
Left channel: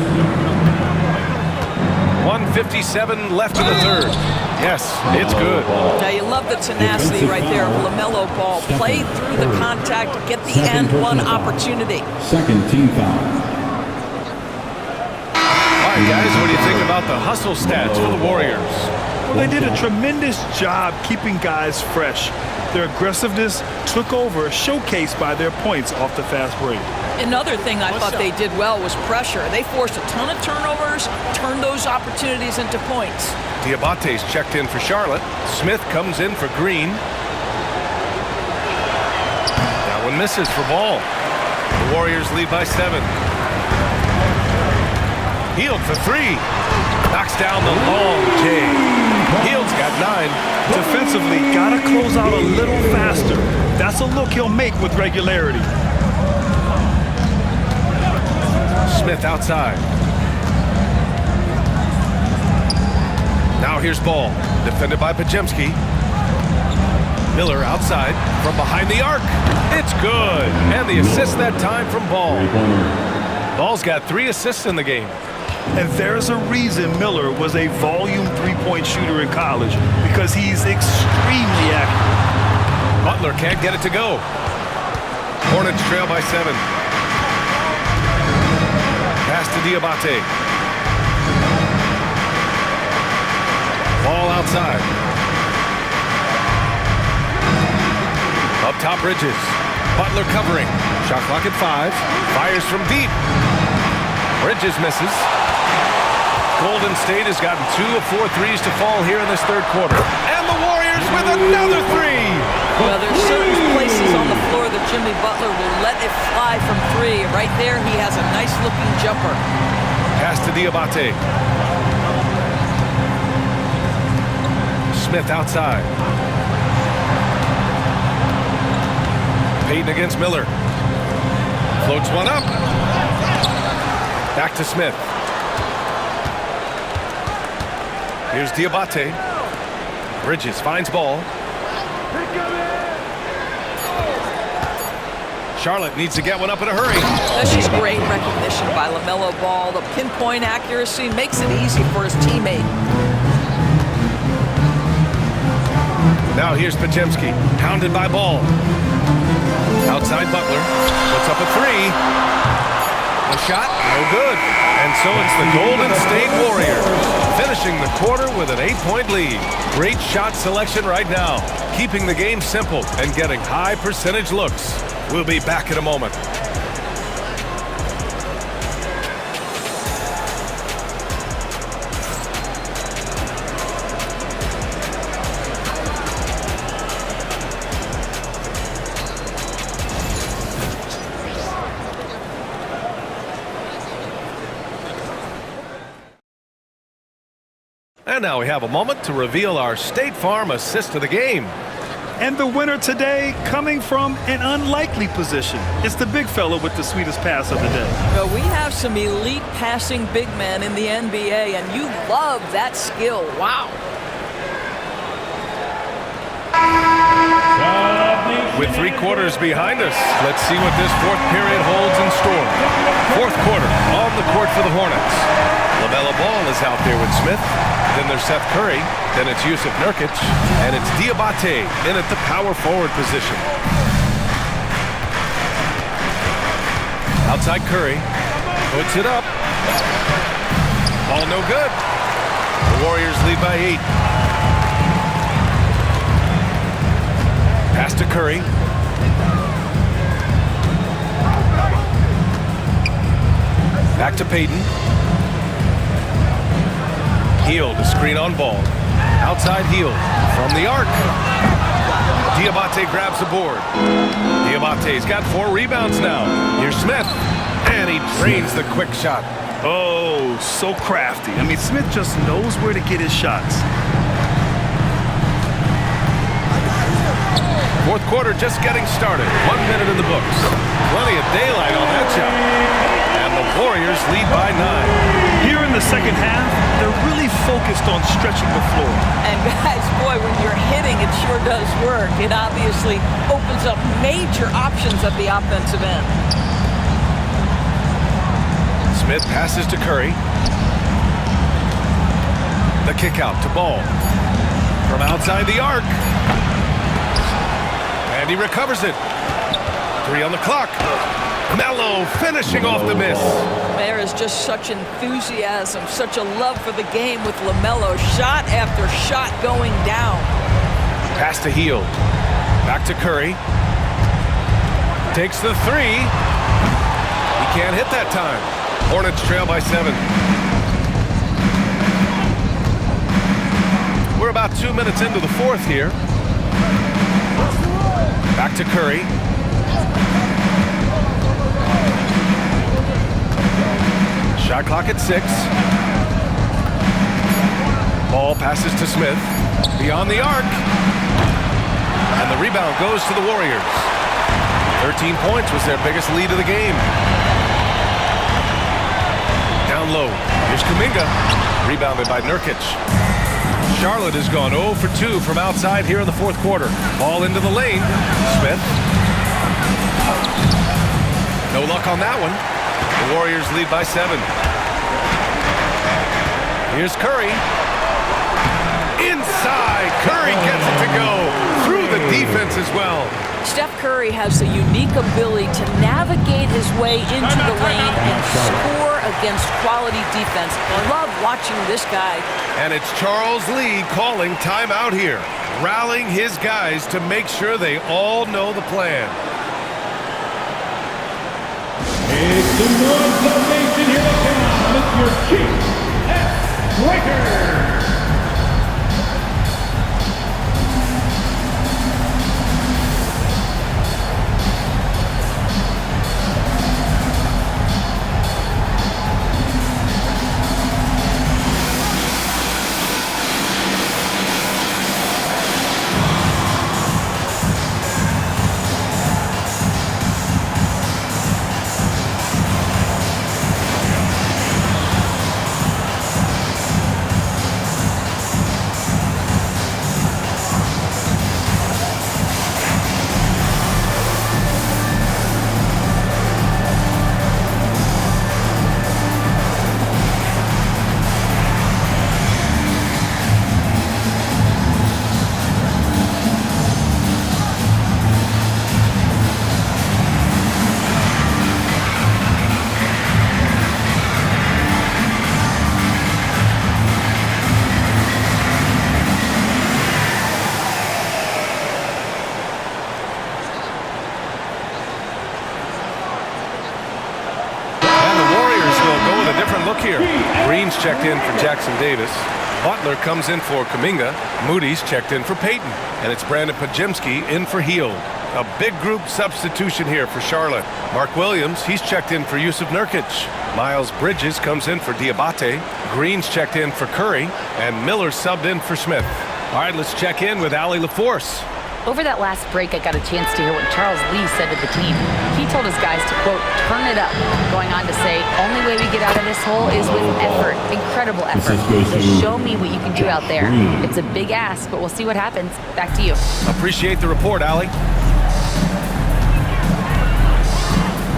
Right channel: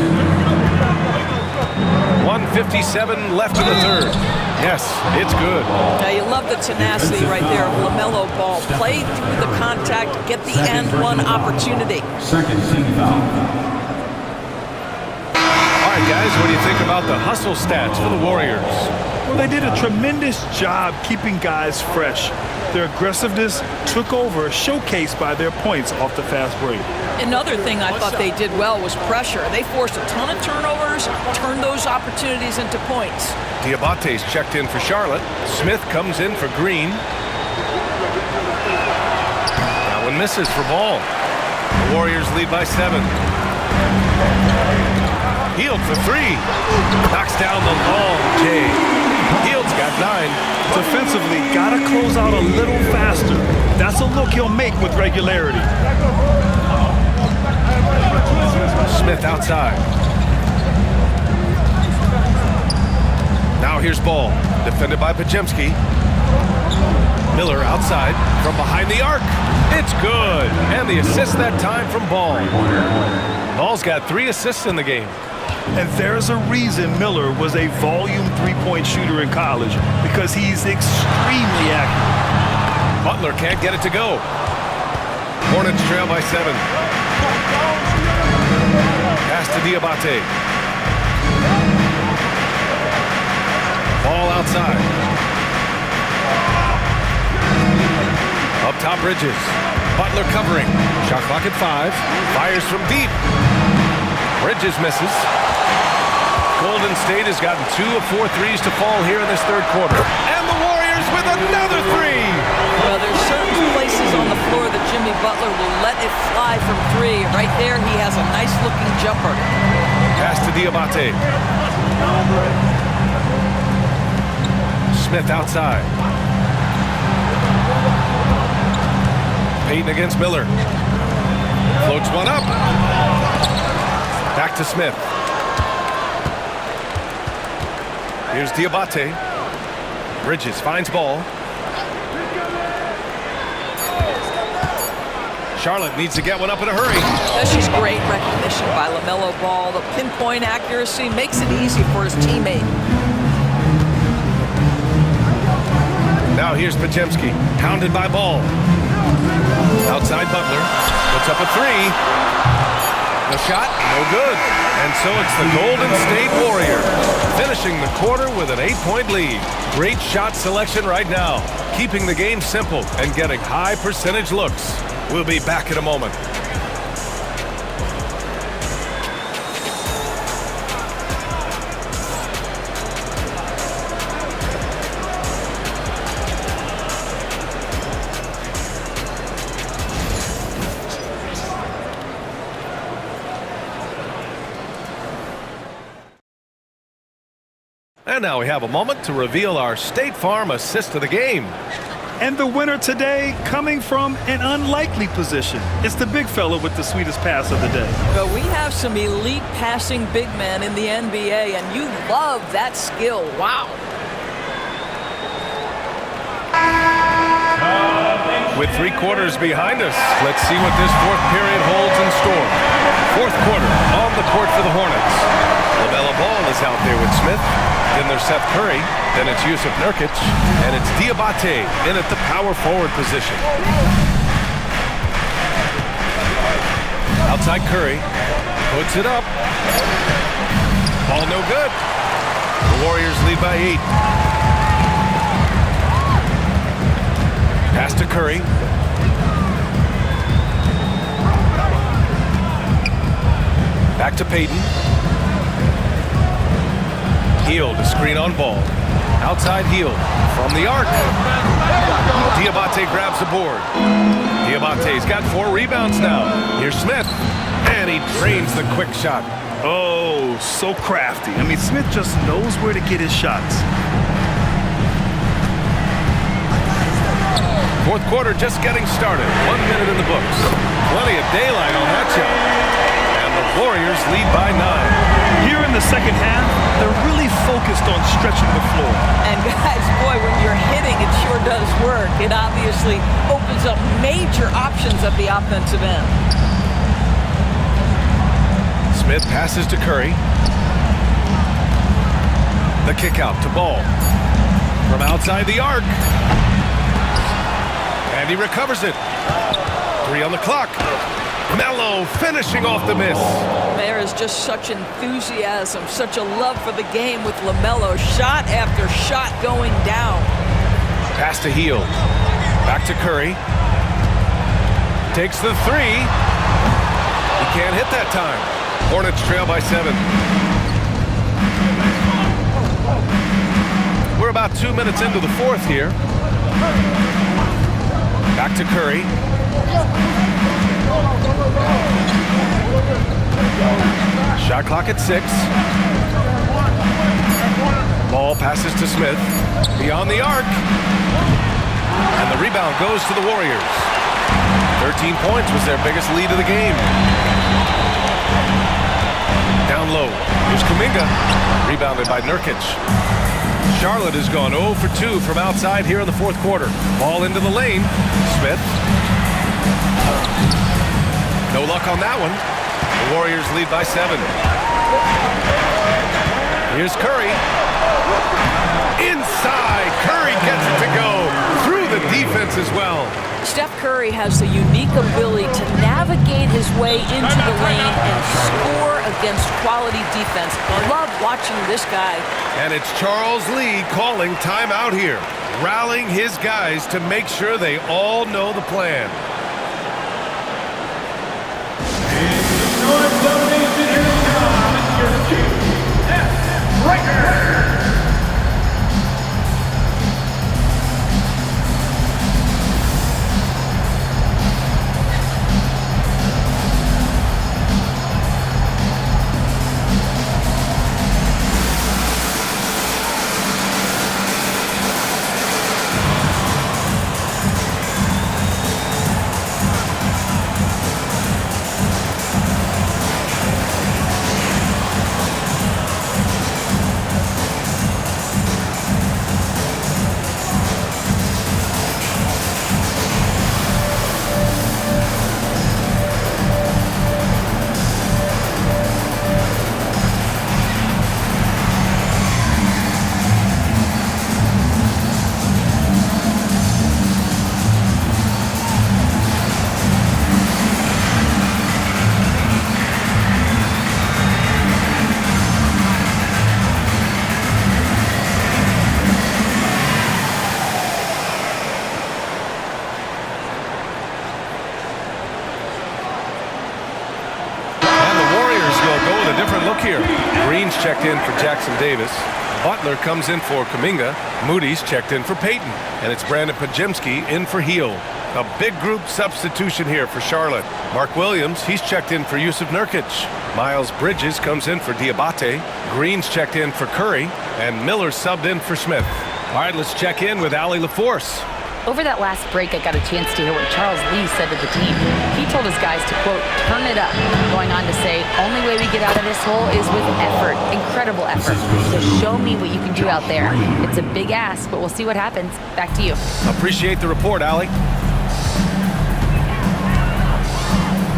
1:57 left in the third. Yes, it's good. Now, you love the tenacity right there of LaMelo Ball. Play through the contact, get the and one opportunity. Second team foul. All right, guys, what do you think about the hustle stats for the Warriors? Well, they did a tremendous job keeping guys fresh. Their aggressiveness took over, showcased by their points off the fast break. Another thing I thought they did well was pressure. They forced a ton of turnovers, turned those opportunities into points. Diabate's checked in for Charlotte. Smith comes in for Green. That one misses for Ball. The Warriors lead by 7. Hield for 3. Knocks down the long J. Hield's got 9. Defensively, gotta close out a little faster. That's a look he'll make with regularity. Smith outside. Now here's Ball, defended by Pajemski. Miller outside from behind the arc. It's good. And the assist that time from Ball. Ball's got 3 assists in the game. And there's a reason Miller was a volume three-point shooter in college, because he's extremely accurate. Butler can't get it to go. Hornets trail by 7. Pass to Diabate. Ball outside. Up top, Bridges. Butler covering. Shot clock at 5. Fires from deep. Bridges misses. Golden State has gotten 2 of 4 threes to fall here in this third quarter. And the Warriors with another 3. Well, there's certain places on the floor that Jimmy Butler will let it fly from 3. Right there, he has a nice-looking jumper. Pass to Diabate. Smith outside. Payton against Miller. Floats one up. Back to Smith. Here's Diabate. Bridges finds Ball. Charlotte needs to get one up in a hurry. That's just great recognition by LaMelo Ball. The pinpoint accuracy makes it easy for his teammate. Now here's Pajemski, hounded by Ball. Outside Butler, puts up a 3. The shot, no good. And so it's the Golden State Warriors finishing the quarter with an 8-point lead. Great shot selection right now, keeping the game simple and getting high percentage looks. We'll be back in a moment. And now we have a moment to reveal our State Farm assist of the game. And the winner today coming from an unlikely position. It's the big fella with the sweetest pass of the day. Well, we have some elite passing big men in the NBA, and you love that skill. Wow. With 3 quarters behind us, let's see what this fourth period holds in store. Fourth quarter on the court for the Hornets. LaMelo Ball is out there with Smith. Then there's Seth Curry. Then it's Yusuf Nurkic. And it's Diabate in at the power forward position. Outside Curry. Puts it up. Ball no good. The Warriors lead by 8. Pass to Curry. Back to Payton. Hield, a screen on Ball. Outside Hield from the arc. Diabate grabs the board. Diabate's got 4 rebounds now. Here's Smith. And he drains the quick shot. Oh, so crafty. I mean, Smith just knows where to get his shots. Fourth quarter just getting started. 1 minute in the books. Plenty of daylight on that shot. And the Warriors lead by 9. Here in the second half, they're really focused on stretching the floor. And guys, boy, when you're hitting, it sure does work. It obviously opens up major options at the offensive end. Smith passes to Curry. The kick out to Ball. From outside the arc. And he recovers it. 3 on the clock. Melo finishing off the miss. There is just such enthusiasm, such a love for the game with LaMelo. Shot after shot going down. Pass to Hield. Back to Curry. Takes the 3. He can't hit that time. Hornets trail by 7. We're about 2 minutes into the fourth here. Back to Curry. Shot clock at 6. Ball passes to Smith. Beyond the arc. And the rebound goes to the Warriors. 13 points was their biggest lead of the game. Down low. Here's Kuminga. Rebounded by Nurkic. Charlotte has gone 0 for 2 from outside here in the fourth quarter. Ball into the lane. Smith. No luck on that one. The Warriors lead by 7. Here's Curry. Inside. Curry gets it to go through the defense as well. Steph Curry has the unique ability to navigate his way into the lane and score against quality defense. I love watching this guy. And it's Charles Lee calling timeout here, rallying his guys to make sure they all know the plan. It's the North Zone Nation, here they come. It's your Chief F. Breaker. Different look here. Green's checked in for Jackson Davis. Butler comes in for Kuminga. Moody's checked in for Payton. And it's Brandon Pajemski in for Hield. A big group substitution here for Charlotte. Mark Williams, he's checked in for Yusuf Nurkic. Miles Bridges comes in for Diabate. Green's checked in for Curry. And Miller subbed in for Smith. All right, let's check in with Allie LaForce. Over that last break, I got a chance to hear what Charles Lee said to the team. He told his guys to, quote, turn it up, going on to say, only way we get out of this hole is with effort, incredible effort. So show me what you can do out there. It's a big ask, but we'll see what happens. Back to you. Appreciate the report, Allie.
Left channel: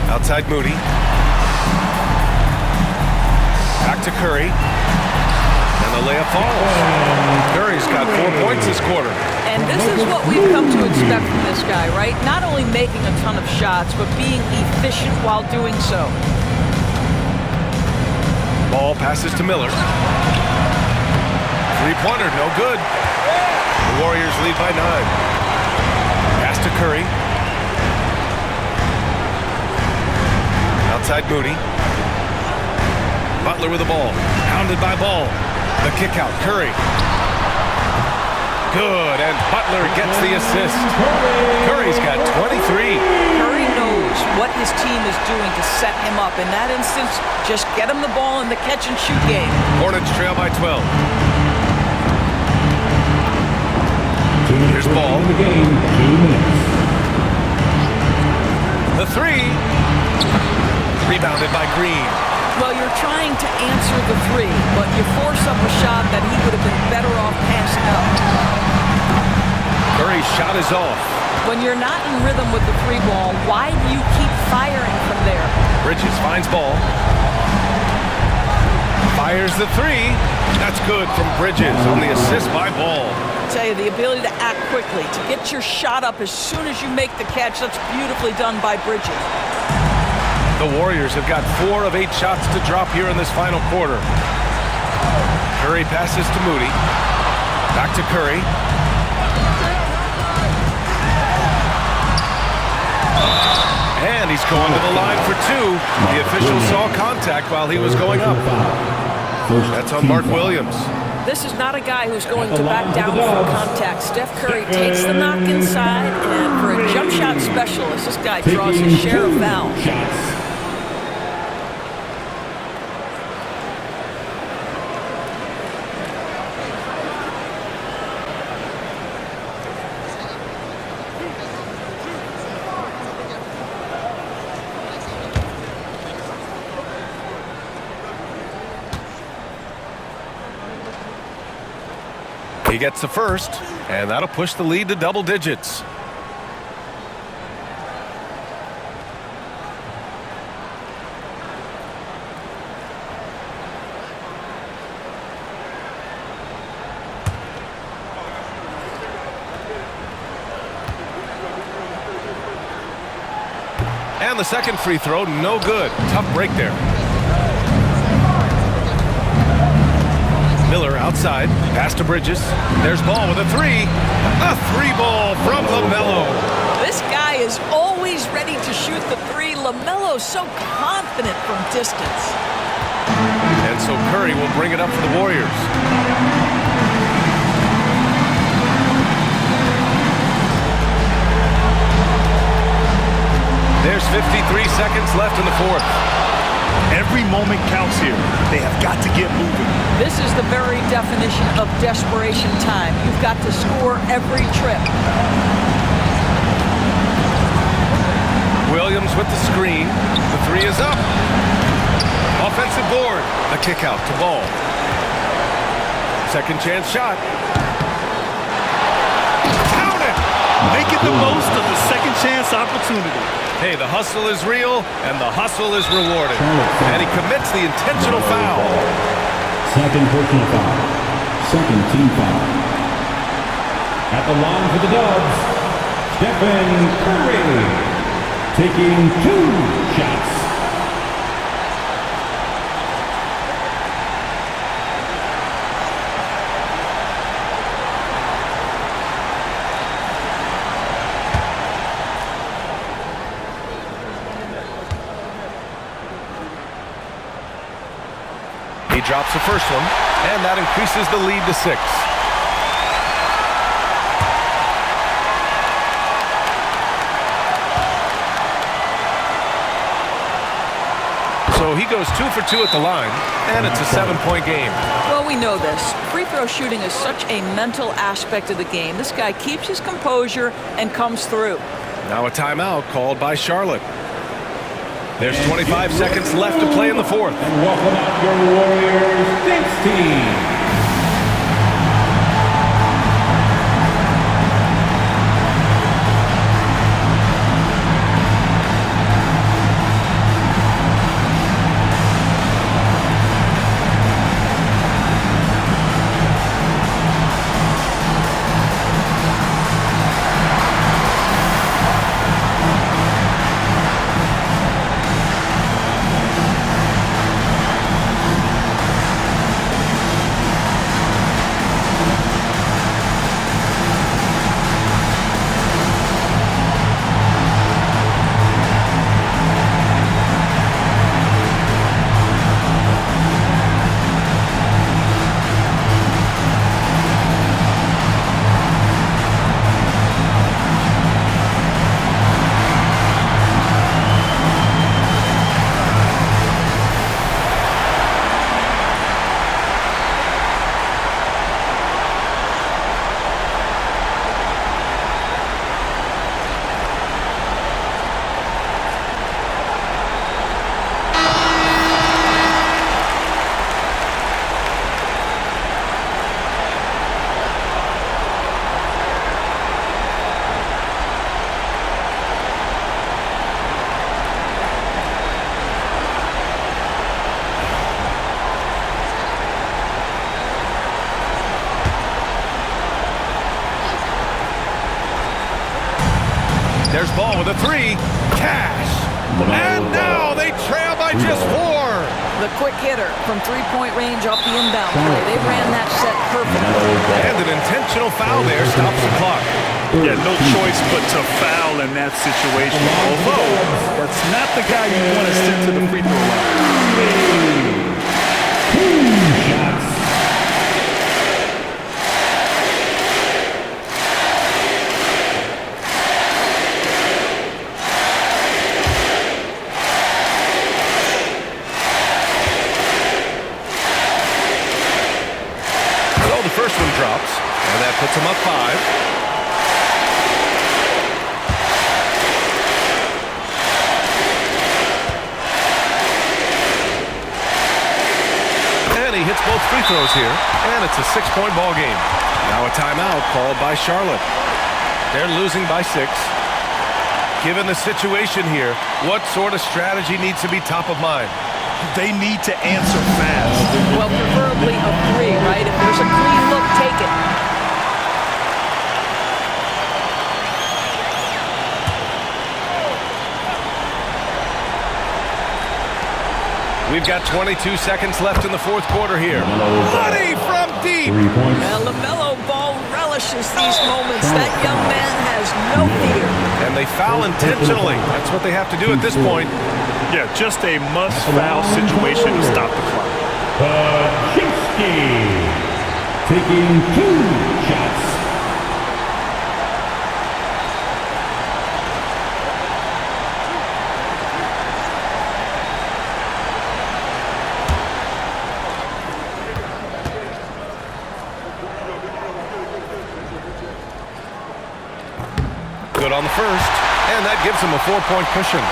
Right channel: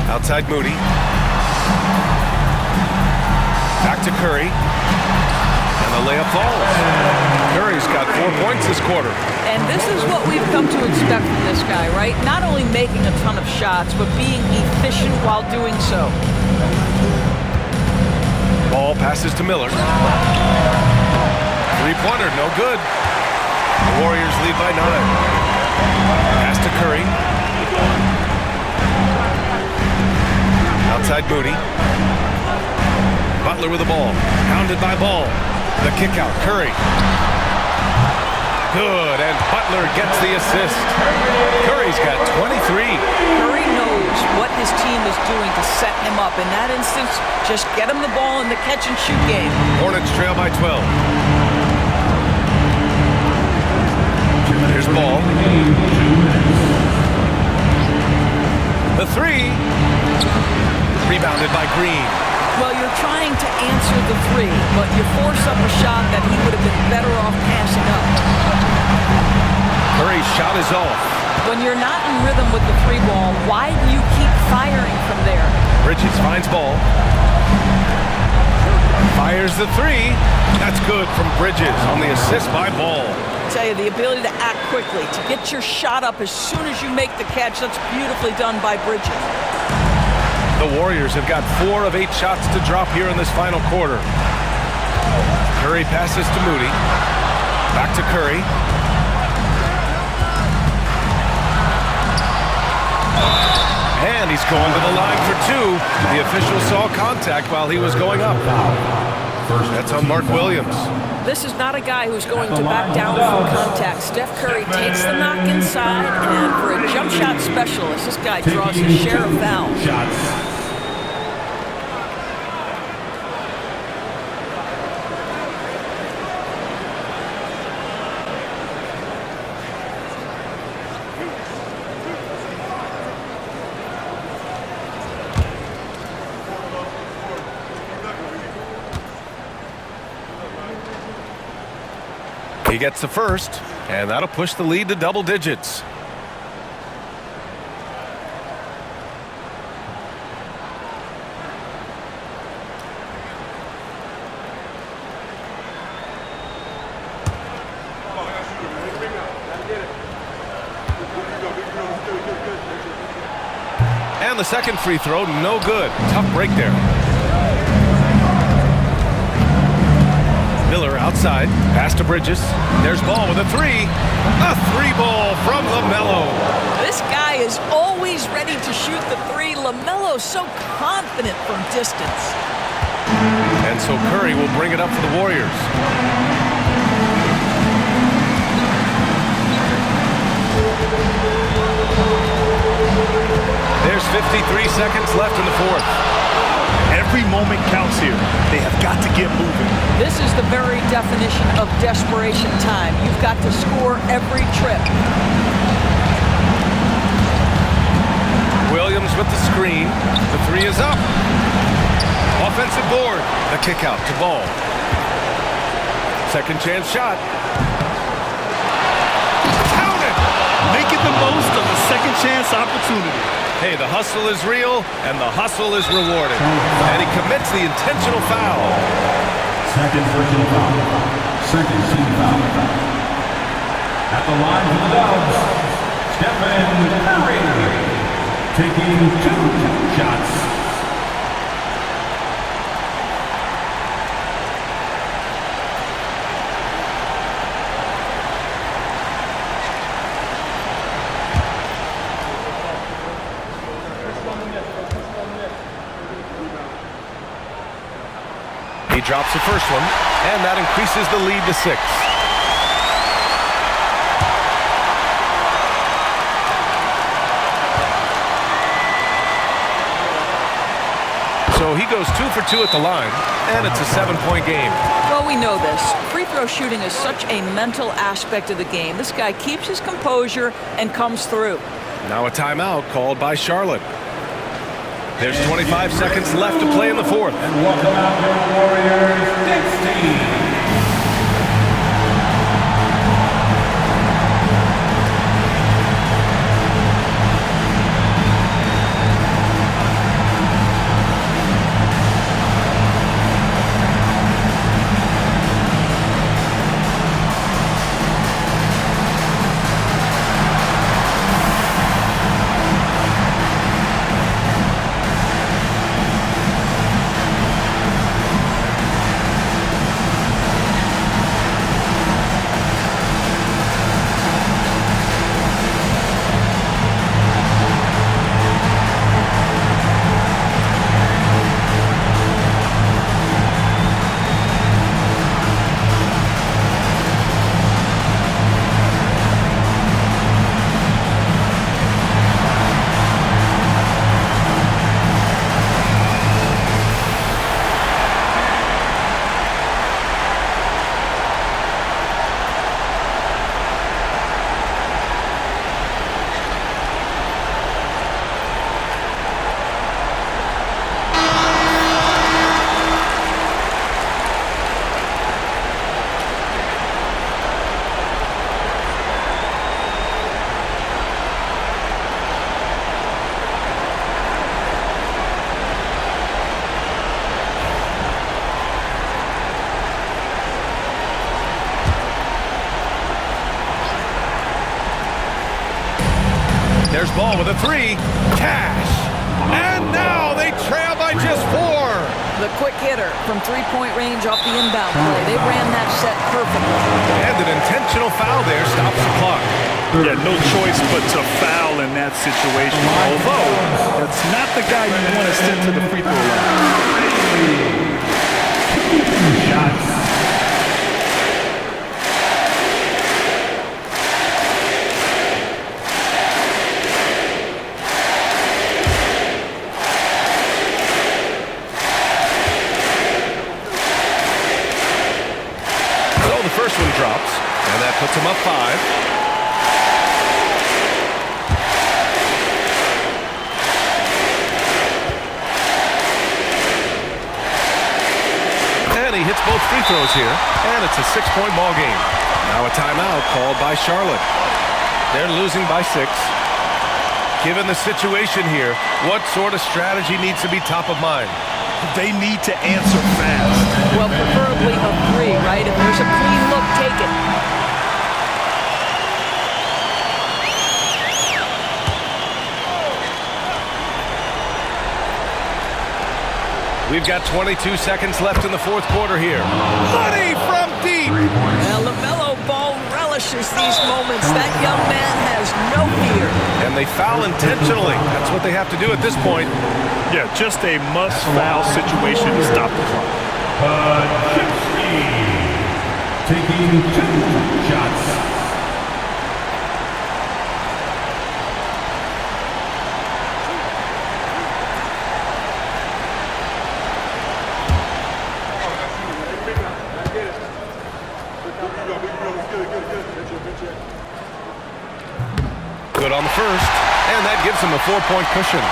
Outside Moody. Back to Curry. And the layup falls. Curry's got 4 points this quarter. And this is what we've come to expect from this guy, right? Not only making a ton of shots, but being efficient while doing so. Ball passes to Miller. Three-pointer, no good. The Warriors lead by 9. Pass to Curry. Outside Moody. Butler with the ball. Hounded by Ball. The kick out, Curry. Good, and Butler gets the assist. Curry's got 23. Curry knows what his team is doing to set him up. In that instance, just get him the ball in the catch-and-shoot game. Hornets trail by 12. Here's Ball. The three. Rebounded by Green. Well, you're trying to answer the three, but you force up a shot that he would have been better off passing up. Curry's shot is off. When you're not in rhythm with the three ball, why do you keep firing from there? Bridges finds Ball. Fires the three. That's good from Bridges on the assist by Ball. I tell you, the ability to act quickly, to get your shot up as soon as you make the catch, that's beautifully done by Bridges. The Warriors have got 4 of 8 shots to drop here in this final quarter. Curry passes to Moody. Back to Curry. And he's going to the line for 2. The official saw contact while he was going up. That's on Mark Williams. This is not a guy who's going to back down from contact. Steph Curry takes the knock inside, and for a jump shot specialist, this guy draws his share of fouls. He gets the first, and that'll push the lead to double digits. And the second free throw, no good. Tough break there. Miller outside, pass to Bridges. There's Ball with a three. A three ball from LaMelo. This guy is always ready to shoot the three. LaMelo's so confident from distance. And so Curry will bring it up for the Warriors. There's 53 seconds left in the fourth. Every moment counts here. They have got to get moving. This is the very definition of desperation time. You've got to score every trip. Williams with the screen. The three is up. Offensive board. The kick out to Ball. Second chance shot. Count it! Making the most of the second chance opportunity. Hey, the hustle is real, and the hustle is rewarded. And he commits the intentional foul. Second personal foul. Second team foul. At the line for the Dubs, Stephen Curry, taking 2 shots. He drops the first one, and that increases the lead to 6. So So he goes 2 for 2 at the line, and it's a 7-point game. Well, we know this. Free throw shooting is such a mental aspect of the game. This guy keeps his composure and comes through. Now a timeout called by Charlotte. There's 25 seconds left to play in the fourth. And welcome out your Warriors Thanks team. There's Ball with a 3. Cash. And now they trail by just 4. The quick hitter from three-point range off the inbound play. They ran that set perfectly. And an intentional foul there stops the clock. Yeah, no choice but to foul in that situation. Although, that's not the guy you want to send to the free throw line. 2 shots. First one drops, and that puts him up 5. And he hits both free throws here, and it's a 6-point ball game. Now a timeout called by Charlotte. They're losing by 6. Given the situation here, what sort of strategy needs to be top of mind? They need to answer fast. Well, preferably a 3, right? If there's a clean look, take it. We've got 22 seconds left in the fourth quarter here. Money from deep. Well, LaMelo Ball relishes these moments. That young man has no fear. And they foul intentionally. That's what they have to do at this point. Yeah, just a must-foul situation to stop the clock. Pachimski taking 2 shots. Good on the first, and that gives him a 4-point cushion.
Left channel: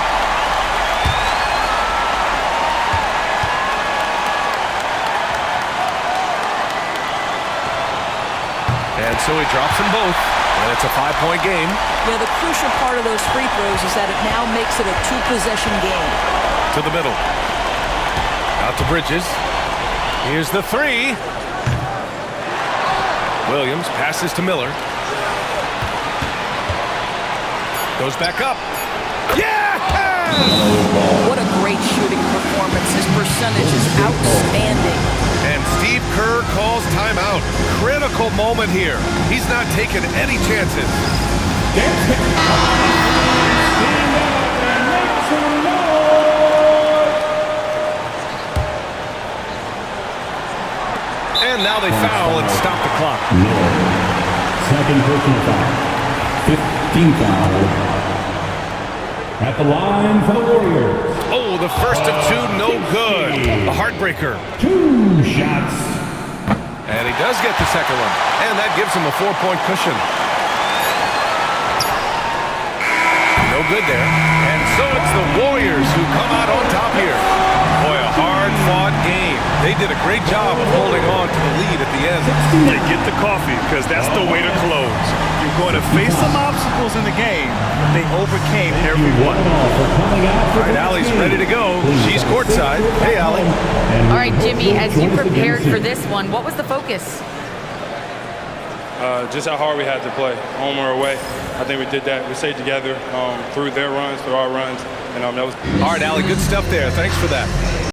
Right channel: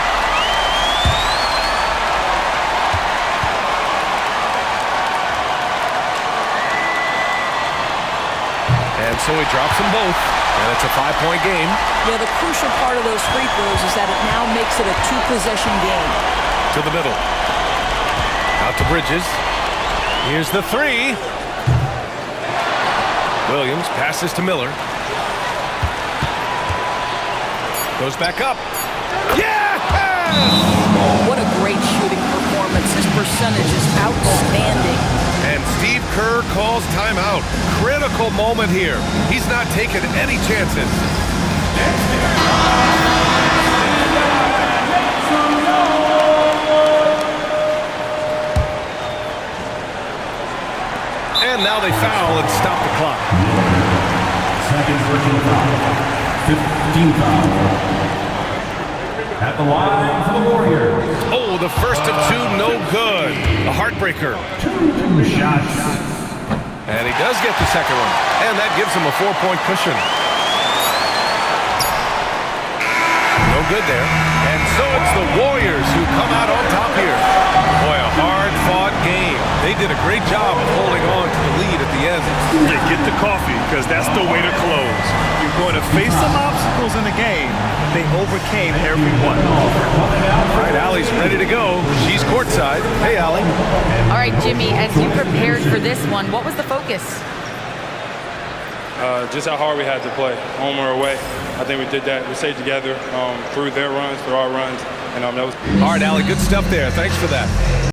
And so he drops them both, and it's a 5-point game. Yeah, the crucial part of those free throws is that it now makes it a 2-possession game. To the middle. Out to Bridges. Here's the 3. Williams passes to Miller. Goes back up. Yes! What a great shooting performance. His percentage is outstanding. And Steve Kerr calls timeout. Critical moment here. He's not taking any chances. Stand up and make some noise. And now they foul and stop the clock. Second personal foul. 15 foul. At the line for the Warriors. Oh, the first of two, no good. A heartbreaker. 2 shots. And he does get the second one. And that gives him a 4-point cushion. No good there. And so it's the Warriors who come out on top here. Boy, a hard-fought game. They did a great job of holding on to the lead at the end. Yeah, get the coffee, because that's the way to close. You're going to face some obstacles in the game, but they overcame every one. All right, Allie's ready to go. She's courtside. Hey, Allie. All right, Jimmy, as you prepared for this one, what was the focus? Just how hard we had to play, home or away. I think we did that. We stayed together through their runs, through our runs, and that was. All right, Allie, good stuff there. Thanks for that.